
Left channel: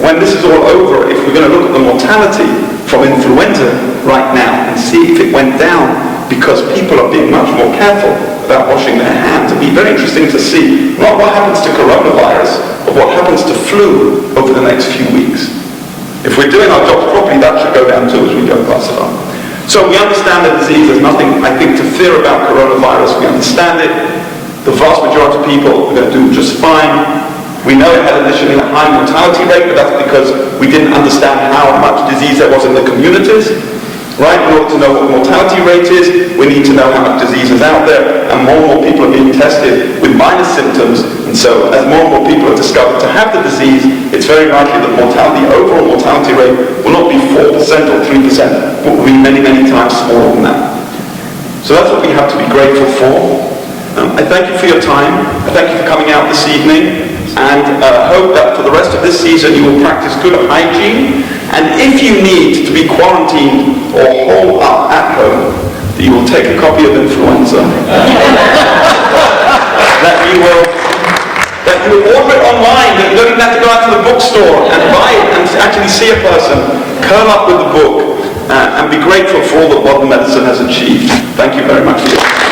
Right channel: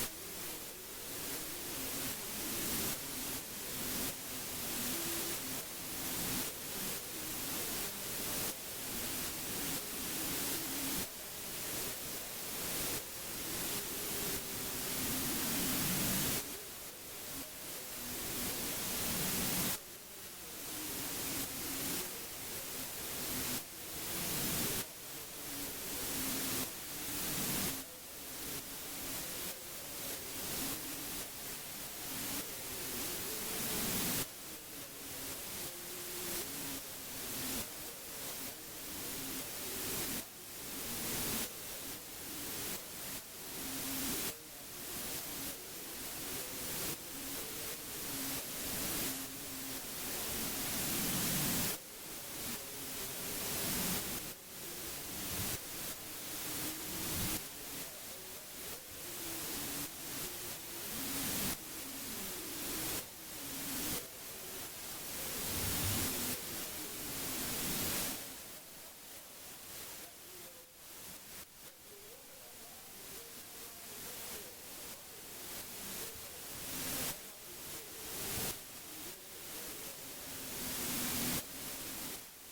when this is all over, if we're going to look at the mortality from influenza right now and see if it went down because people are being much more careful about washing their hands. It'd be very interesting to see not what happens to coronavirus, but what happens to flu over the next few weeks. If we're doing our jobs properly, that should go down too as we go pass it on. So we understand the disease. There's nothing, I think, to fear about coronavirus. We understand it. The vast majority of people are going to do just fine. We know it had initially a high mortality rate, but that's because we didn't understand how much disease there was in the communities. Right? In order to know what the mortality rate is, we need to know how much disease is out there, and more people are being tested with minor symptoms. And so as more and more people are discovered to have the disease, it's very likely that mortality, overall mortality rate will not be 4% or 3%, but will be many, many times smaller than that. So that's what we have to be grateful for. I thank you for your time. I thank you for coming out this evening, and hope that for the rest of this season you will practice good hygiene, and if you need to be quarantined or holed up at home, that you will take a copy of Influenza, that you will order it online, that you don't even have to go out to the bookstore and buy it and actually see a person, curl up with the book, and be grateful for all that modern medicine has achieved. Thank you very much for your time.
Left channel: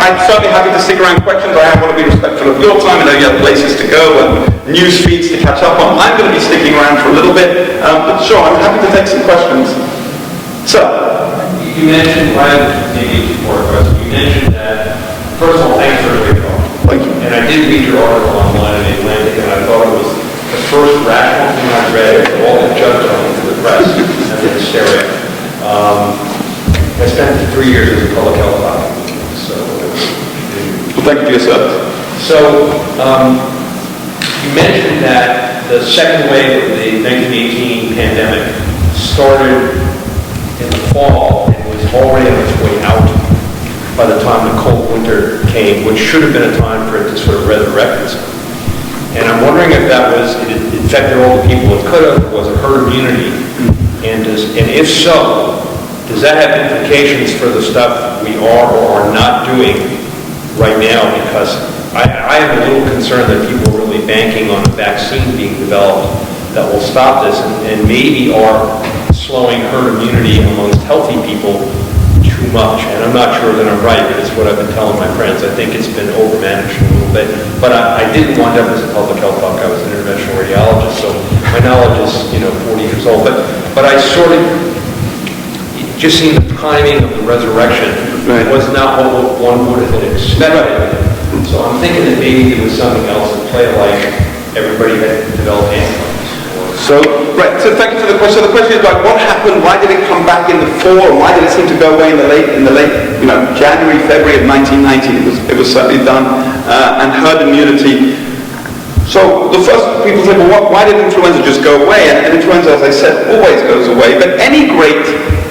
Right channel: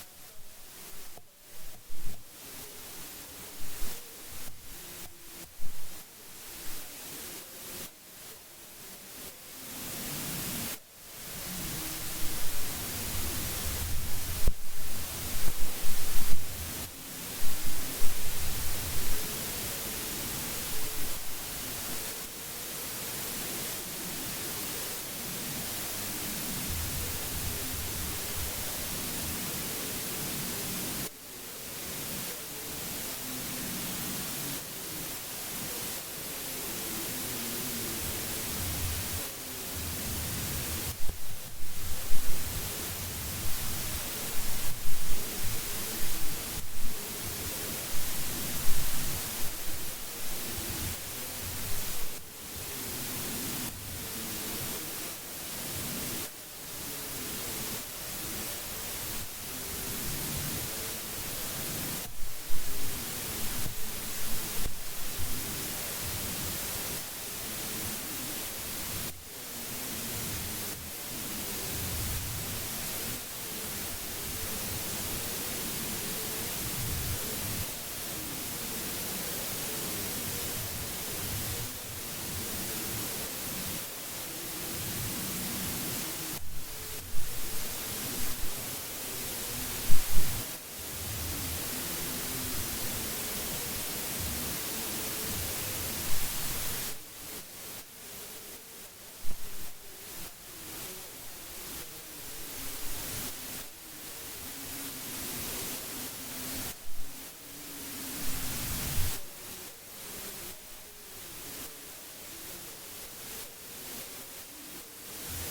I'm certainly happy to stick around questions. I want to be respectful of your time. I know you have places to go and news feeds to catch up on. I'm going to be sticking around for a little bit, but sure, I'm happy to take some questions. So, you mentioned, maybe before a question, you mentioned that, first of all, thanks for the great talk. Thank you. And I did read your article online in Atlantic, and I thought it was the first rational thing I read of all the judge on to the press and the hysteria. I spent 3 years as a public health doctor. Well, thank you for your service. So, you mentioned that the second wave of the 1918 pandemic started in the fall and was already on its way out by the time the cold winter came, which should have been a time for it to sort of resurrect itself. And I'm wondering if that was, it infected all the people it could have, was it herd immunity? And if so, does that have implications for the stuff we are or are not doing right now? Because I am a little concerned that people are really banking on a vaccine being developed that will stop this and maybe are slowing herd immunity amongst healthy people too much. And I'm not sure that I'm right, but it's what I've been telling my friends. I think it's been overmanaged a little bit. But I didn't wind up as a public health doc. I was an interventional radiologist, so my knowledge is 40 years old. But I sort of just seen the timing of the resurrection was not what one would have expected. So I'm thinking that maybe there was something else at play, like everybody had developed antibodies. So thank you for the question. So the question is like, what happened? Why did it come back in the fall? And why did it seem to go away in the late, January, February of 1990? It was certainly done, and herd immunity. So the first people say, well, why did influenza just go away? And influenza, as I said, always goes away. But any great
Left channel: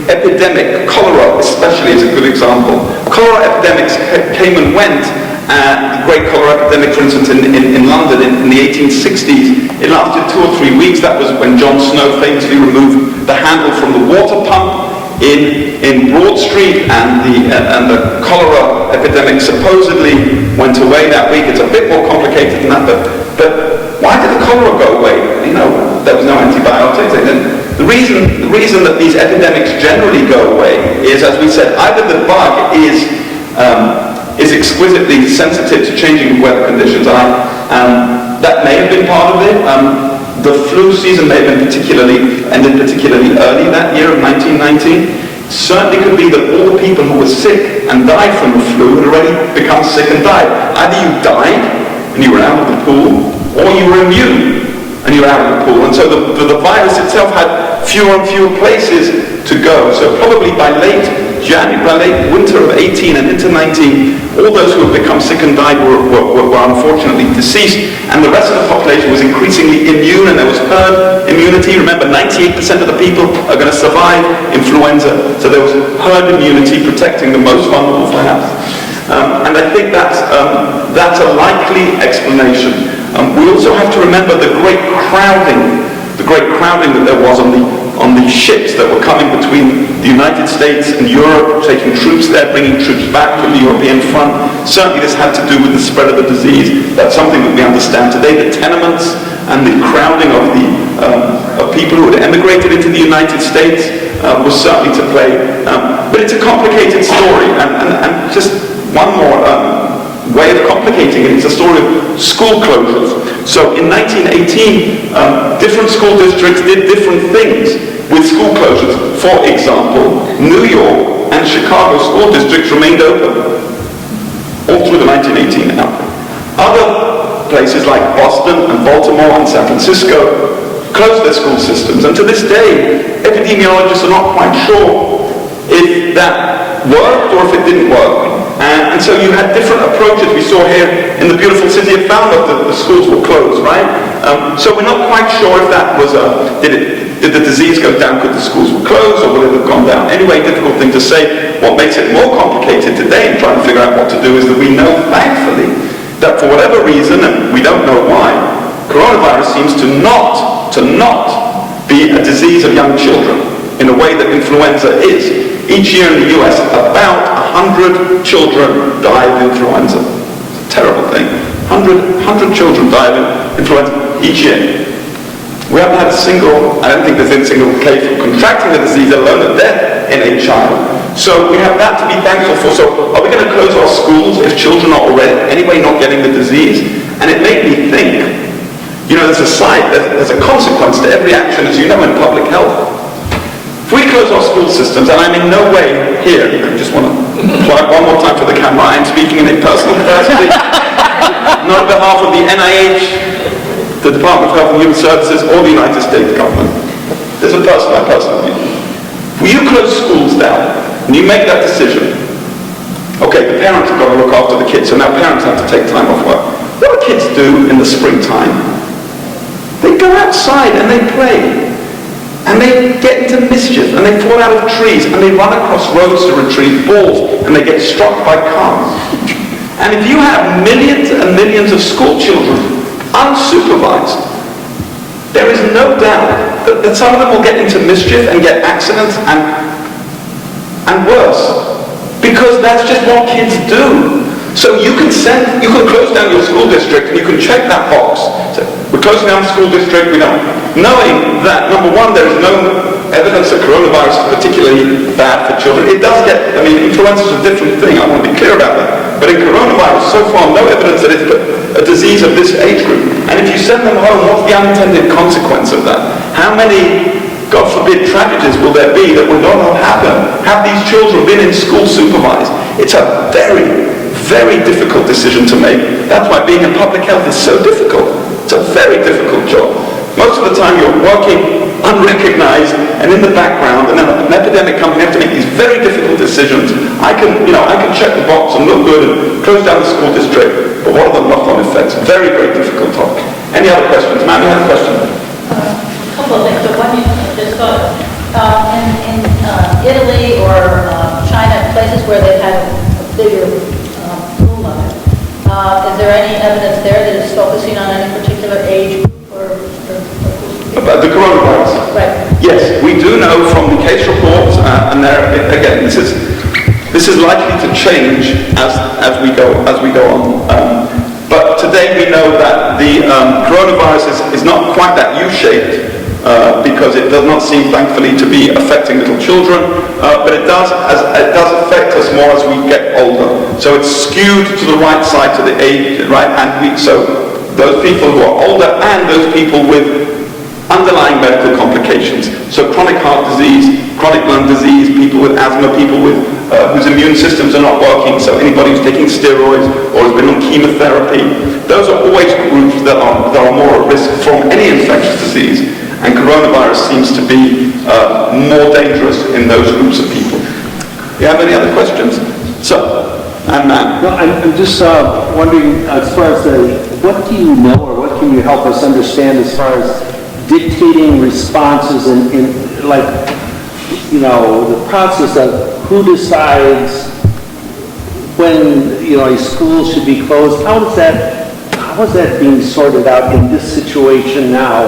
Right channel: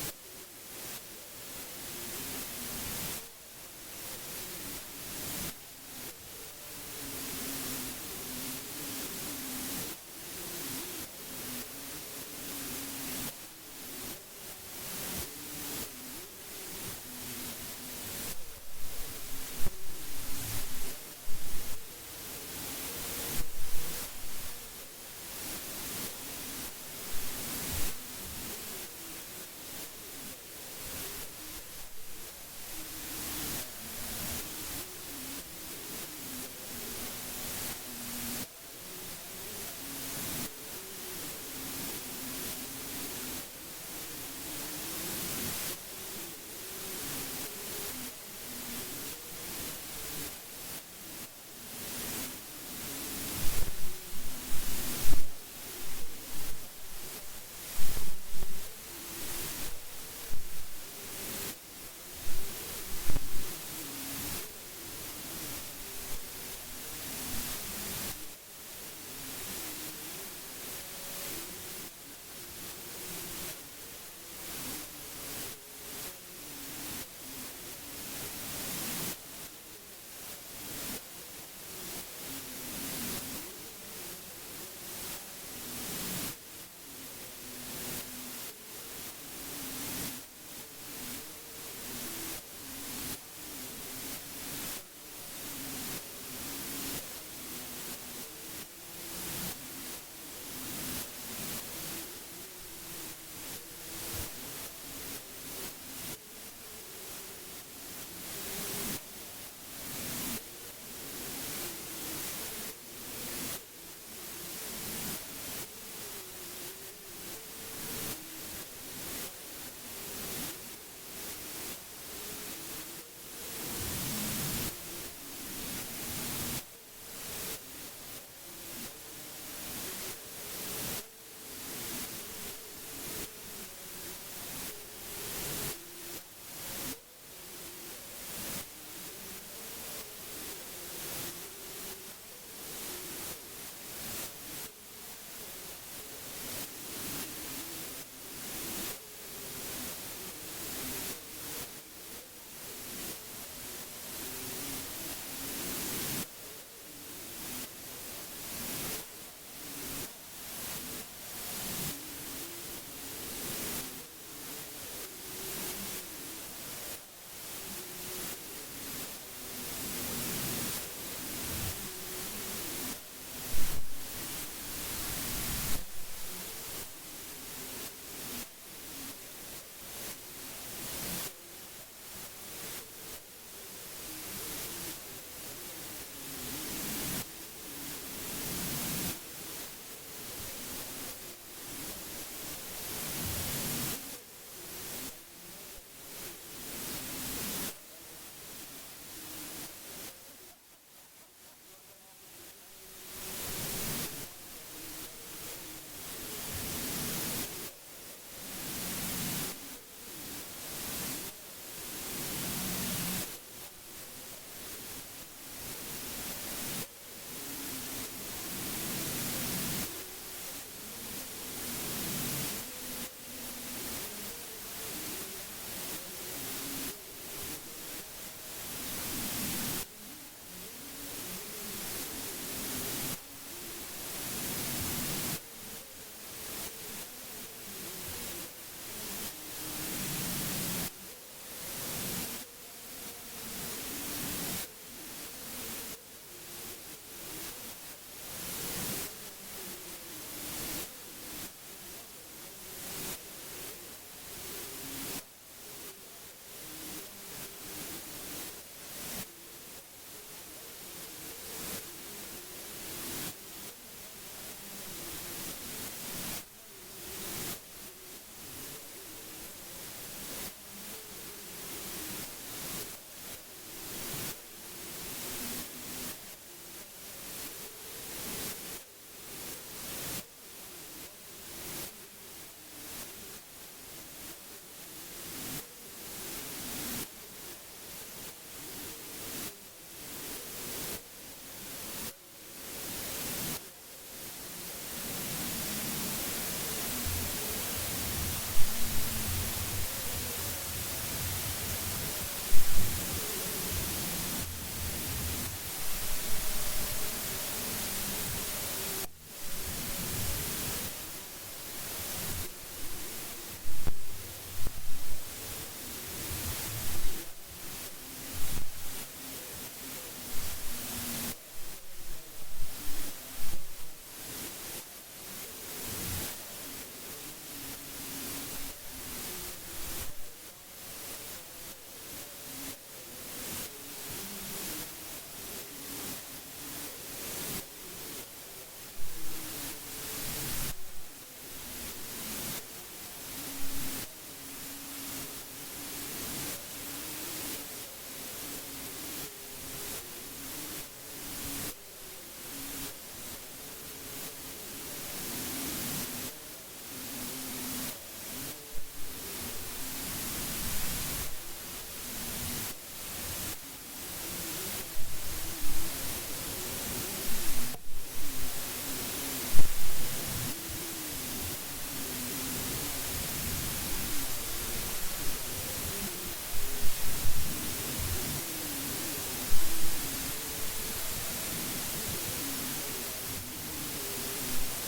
epidemic, cholera especially is a good example. Cholera epidemics came and went. The great cholera epidemic, for instance, in London in the 1860s, it lasted 2 or 3 weeks. That was when John Snow famously removed the handle from the water pump in Broad Street, and the cholera epidemic supposedly went away that week. It's a bit more complicated than that, but why did the cholera go away? There was no antibiotics. The reason that these epidemics generally go away is, as we said, either the bug is exquisitely sensitive to changing weather conditions, and that may have been part of it. The flu season may have been ended particularly early that year of 1919. Certainly could be that all the people who were sick and died from the flu had already become sick and died. Either you died and you were out of the pool, or you were immune and you were out of the pool. And so the virus itself had fewer and fewer places to go. So probably by late late winter of 18 and into 19, all those who had become sick and died were unfortunately deceased, and the rest of the population was increasingly immune, and there was herd immunity. Remember, 98% of the people are going to survive influenza, so there was herd immunity protecting the most vulnerable perhaps. And I think that's a likely explanation. We also have to remember the great crowding that there was on the ships that were coming between the United States and Europe, taking troops there, bringing troops back from the European front. Certainly this had to do with the spread of the disease. That's something that we understand today. The tenements and the crowding of people who had emigrated into the United States was certainly to play. But it's a complicated story, and just one more way of complicating it. It's a story of school closures. So in 1918, different school districts did different things with school closures. For example, New York and Chicago school districts remained open all through the 1918 outbreak. Other places like Boston and Baltimore and San Francisco closed their school systems, and to this day, epidemiologists are not quite sure if that worked or if it didn't work. And so you had different approaches. We saw here in the beautiful city of Falmouth that the schools were closed, right? So we're not quite sure if that was did the disease go down because the schools were closed, or would it have gone down? Anyway, difficult thing to say. What makes it more complicated today in trying to figure out what to do is that we know, thankfully, that for whatever reason, and we don't know why, coronavirus seems to not be a disease of young children in a way that influenza is. Each year in the US, about 100 children die of influenza. It's a terrible thing. 100 children die of influenza each year. We haven't had I don't think there's been a single case of contracting the disease, let alone a death in a child. So we have that to be thankful for. So are we going to close our schools if children are already anyway not getting the disease? And it made me think, there's a consequence to every action, as you know, in public health. If we close our school systems, and I'm in no way here, I just want to plug one more time for the camera, I'm speaking in a personal capacity, not on behalf of the NIH, the Department of Health and Human Services, or the United States government. There's my personal view. If you close schools down, and you make that decision, okay, the parents have got to look after the kids, so now parents have to take time off work. What do kids do in the springtime? They go outside and they play. And they get into mischief, and they fall out of trees, and they run across roads to retrieve balls, and they get struck by cars. And if you have millions and millions of school children unsupervised, there is no doubt that some of them will get into mischief and get accidents and worse, because that's just what kids do. So you can close down your school district, and you can check that box. So we're closing down the school district, knowing that, number one, there is no evidence that coronavirus is particularly bad for children. It does influenza is a different thing, I want to be clear about that. But in coronavirus, so far, no evidence that it's a disease of this age group. And if you send them home, what's the unintended consequence of that? How many, God forbid, tragedies will there be that will not happen? Have these children been in school supervised? It's a very, very difficult decision to make. That's why being in public health is so difficult. It's a very difficult job. Most of the time you're working unrecognized and in the background, and then an epidemic comes and you have to make these very difficult decisions. I can check the box and look good and close down the school district, but what are the knock-on effects? Very, very difficult topic. Any other questions? Ma'am, you have a question? A couple of things. So one you just thought, in Italy or China, places where they've had a bigger boom of it, is there any evidence there that it's focusing on any particular age group or about the coronavirus? Right. Yes, we do know from the case reports, and there again, this is likely to change as we go on. But today we know that the coronavirus is not quite that U-shaped because it does not seem, thankfully, to be affecting little children. But it does affect us more as we get older. So it's skewed to the right side, to the age, right? And so those people who are older and those people with underlying medical complications. So chronic heart disease, chronic lung disease, people with asthma, people with whose immune systems are not working, so anybody who's taking steroids or has been on chemotherapy, those are always groups that are more at risk from any infectious disease. And coronavirus seems to be more dangerous in those groups of people. You have any other questions? So, and Matt. No, I'm just wondering, as far as what do you know or what can you help us understand as far as dictating responses in like, you know, the process of who decides when, you know, a school should be closed? How is that being sorted out in this situation now?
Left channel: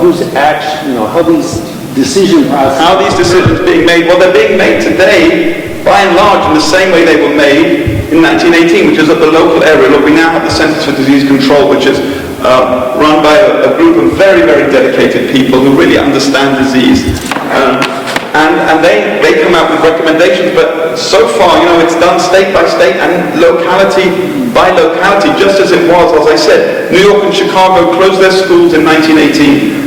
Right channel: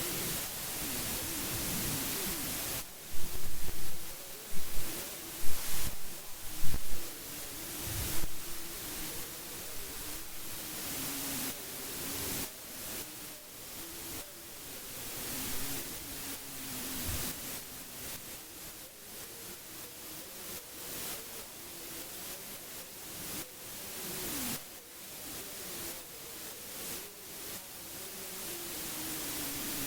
Who's actually, you know, how these decision processes... How are these decisions being made? Well, they're being made today, by and large, in the same way they were made in 1918, which is at the local area. Look, we now have the Centers for Disease Control, which is run by a group of very, very dedicated people who really understand disease. And they come out with recommendations, but so far, you know, it's done state by state and locality by locality, just as it was, as I said. New York and Chicago closed their schools in 1918.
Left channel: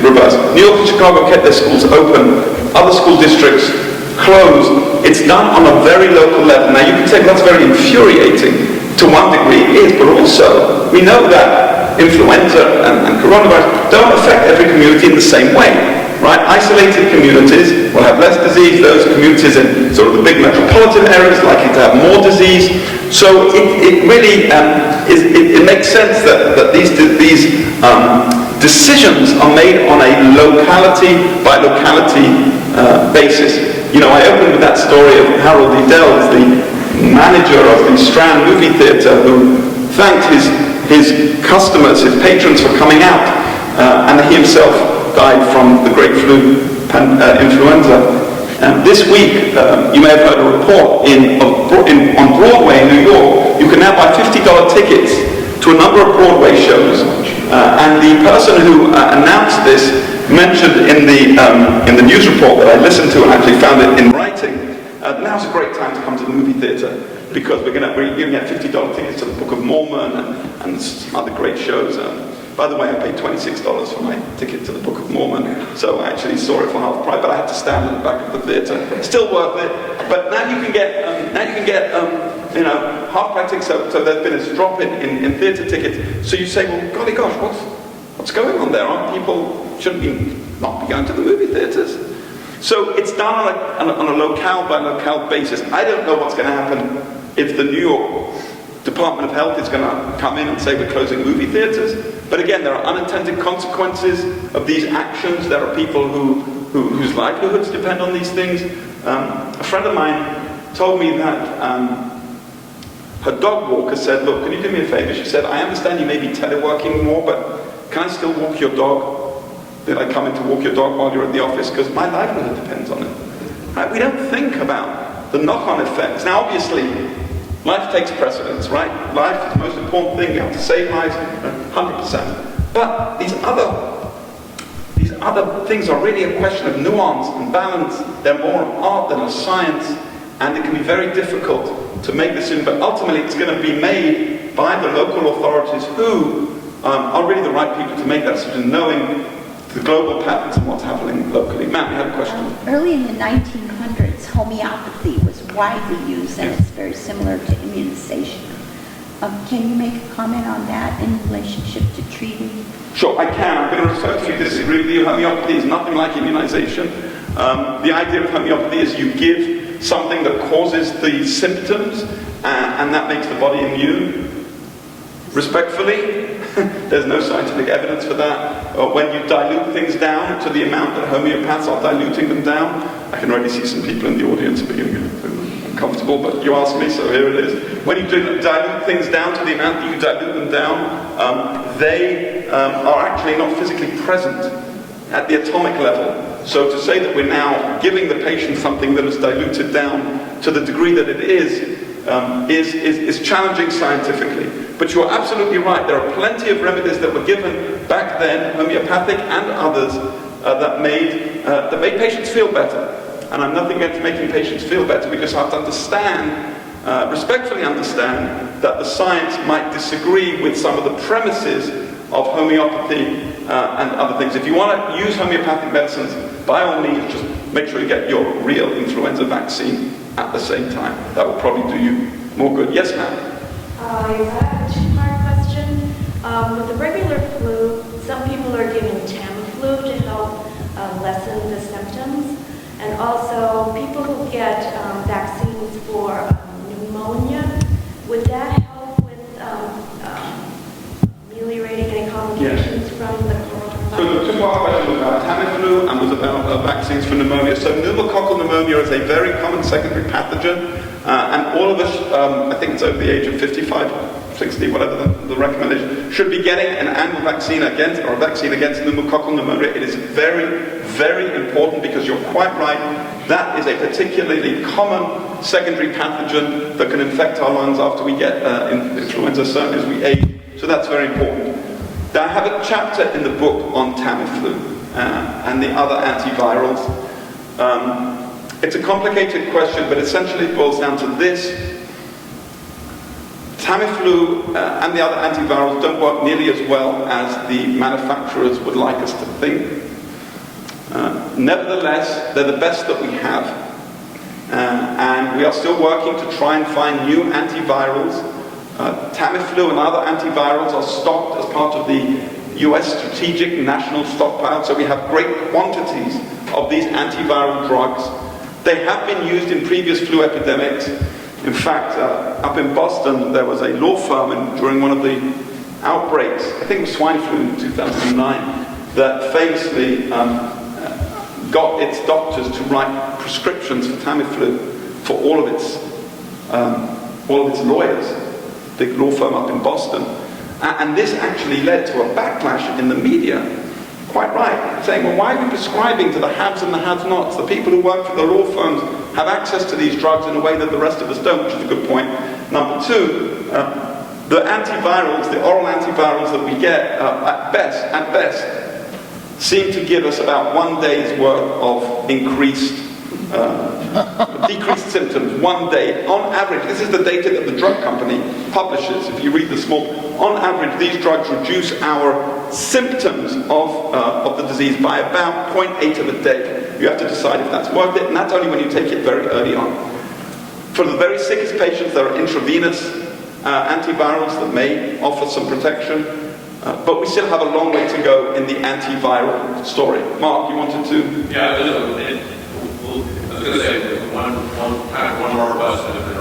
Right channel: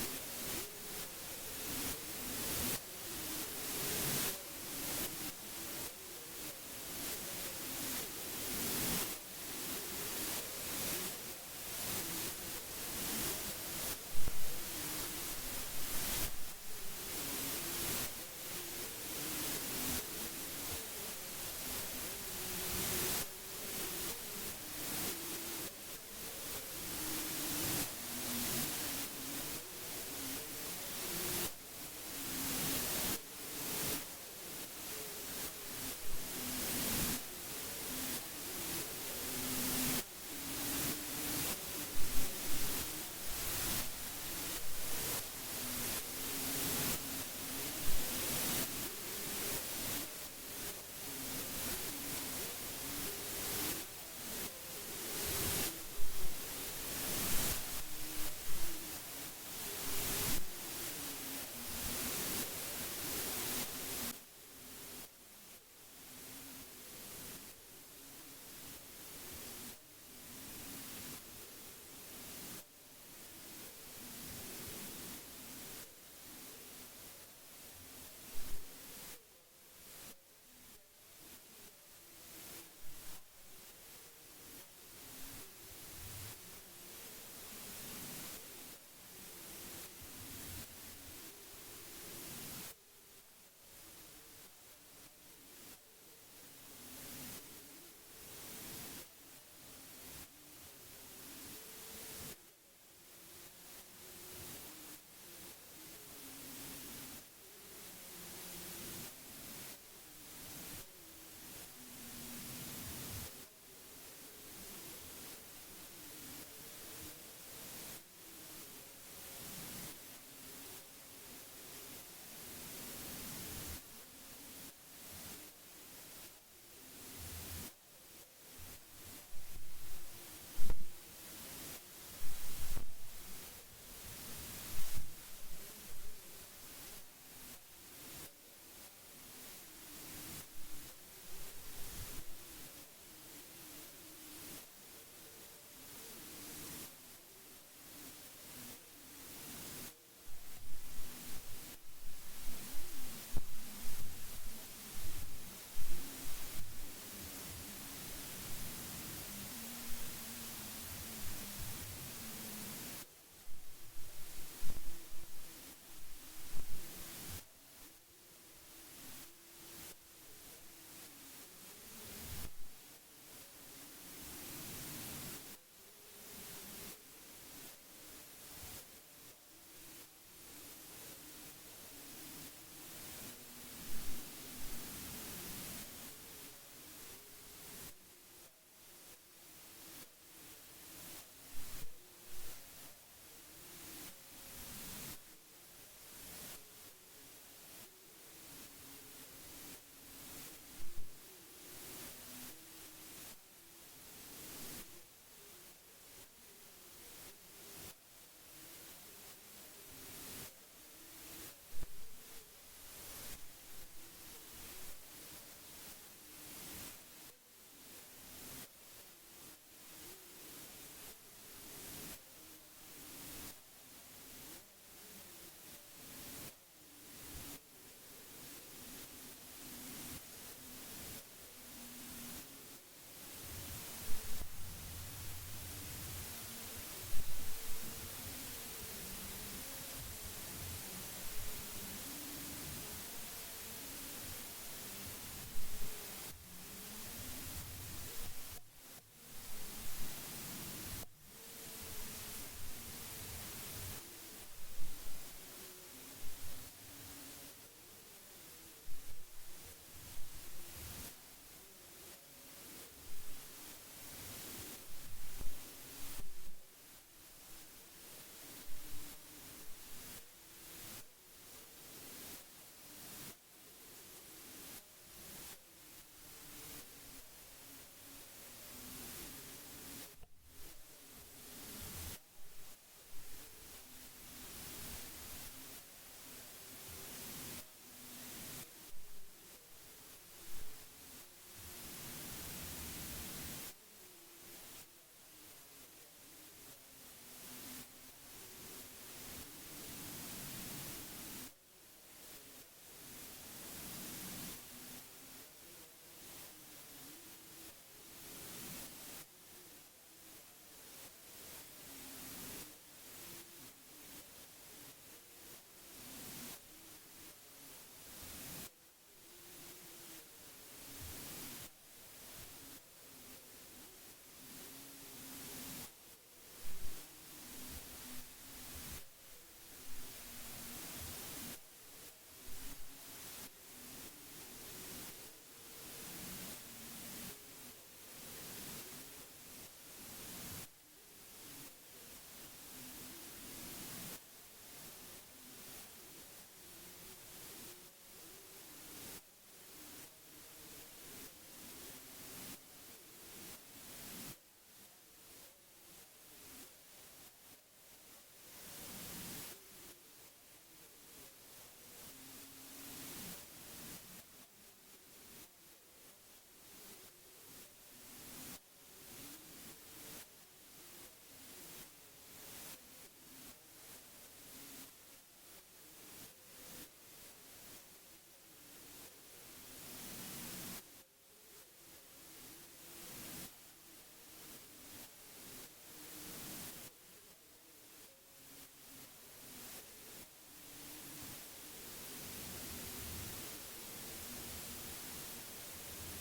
Reverse. New York and Chicago kept their schools open. Other school districts closed. It's done on a very local level. Now, you can say that's very infuriating. To one degree it is, but also we know that influenza and coronavirus don't affect every community in the same way. Right? Isolated communities will have less disease. Those communities in sort of the big metropolitan areas are likely to have more disease. So it really it makes sense that these decisions are made on a locality by locality basis. You know, I opened with that story of Harold E. Dells, the manager of the Strand movie theatre, who thanked his customers, his patrons, for coming out, and he himself died from the great flu, influenza. This week, you may have heard a report on Broadway in New York. You can now buy $50 tickets to a number of Broadway shows, and the person who announced this mentioned in the news report that I listened to and actually found it in writing. Now's a great time to come to the movie theatre, because we're going to get $50 tickets to the Book of Mormon and some other great shows. By the way, I paid $26 for my ticket to the Book of Mormon, so I actually saw it for half price, but I had to stand in the back of the theatre. Still worth it. But now you can get half price tickets. So there's been a drop in theatre tickets. So you say, well, golly gosh, what's going on there? Shouldn't not be going to the movie theatres? So it's done on a locale by locale basis. I don't know what's going to happen if the New York Department of Health is going to come in and say we're closing movie theatres. But again, there are unintended consequences of these actions. There are people whose livelihoods depend on these things. A friend of mine told me that her dog walker said, look, can you do me a favor? She said, I understand you may be teleworking more, but can I still walk your dog? Did I come in to walk your dog while you're at the office? Because my livelihood depends on it. Right? We don't think about the knock-on effects. Now, obviously, life takes precedence, right? Life is the most important thing. We have to save lives, 100%. But these other things are really a question of nuance and balance. They're more an art than a science, and it can be very difficult to make decisions. But ultimately, it's going to be made by the local authorities who are really the right people to make that decision, knowing the global patterns and what's happening locally. Matt, you have a question? Early in the 1900s, homeopathy was widely used, and it's very similar to immunization. Can you make a comment on that in relationship to treating? Sure, I can. I'm going to refer to you. Disagree with you. Homeopathy is nothing like immunization. The idea of homeopathy is you give something that causes the symptoms, and that makes the body immune. Respectfully, there's no scientific evidence for that. When you dilute things down to the amount that homeopaths are diluting them down, I can already see some people in the audience beginning to get uncomfortable, but you asked me, so here it is. When you dilute things down to the amount that you dilute them down, they are actually not physically present at the atomic level. So to say that we're now giving the patient something that is diluted down to the degree that it is challenging scientifically. But you're absolutely right. There are plenty of remedies that were given back then, homeopathic and others, that made patients feel better. And I'm nothing against making patients feel better. We just have to understand, respectfully understand, that the science might disagree with some of the premises of homeopathy and other things. If you want to use homeopathic medicines, by all means, just make sure you get your real influenza vaccine at the same time. That will probably do you more good. Yes, ma'am? I have a two-part question. With the regular flu, some people are giving Tamiflu to help lessen the symptoms. And also, people who get vaccines for pneumonia. So pneumococcal pneumonia is a very common secondary pathogen, and all of us, I think it's over the age of 55, 60, whatever the recommendation, should be getting an annual vaccine against, or a vaccine against pneumococcal pneumonia. It is very, very important because you're quite right. That is a particularly common secondary pathogen that can infect our lungs after we get influenza, certainly as we age. So that's very important. Now, I have a chapter in the book on Tamiflu and the other antivirals. It's a complicated question, but essentially it boils down to this. Tamiflu and the other antivirals don't work nearly as well as the manufacturers would like us to think. Nevertheless, they're the best that we have. And we are still working to try and find new antivirals. Tamiflu and other antivirals are stocked as part of the US Strategic National Stockpile, so we have great quantities of these antiviral drugs. They have been used in previous flu epidemics. In fact, up in Boston, there was a law firm during one of the outbreaks, I think it was swine flu in 2009, that famously got its doctors to write prescriptions for Tamiflu for all of its lawyers, big law firm up in Boston. And this actually led to a backlash in the media, quite right, saying, well, why are we prescribing to the haves and the have-nots? The people who work for the law firms have access to these drugs in a way that the rest of us don't, which is a good point. Number two, the antivirals, the oral antivirals that we get, at best, seem to give us about 1 day's worth of decreased symptoms, 1 day. On average, this is the data that the drug company publishes. If you read the small, on average, these drugs reduce our symptoms of the disease by about 0.8 of a day. You have to decide if that's worth it, and that's only when you take it very early on. For the very sickest patients, there are intravenous antivirals that may offer some protection. But we still have a long way to go in the antiviral story. Mark, you wanted to? Yeah, I was going to say one more question.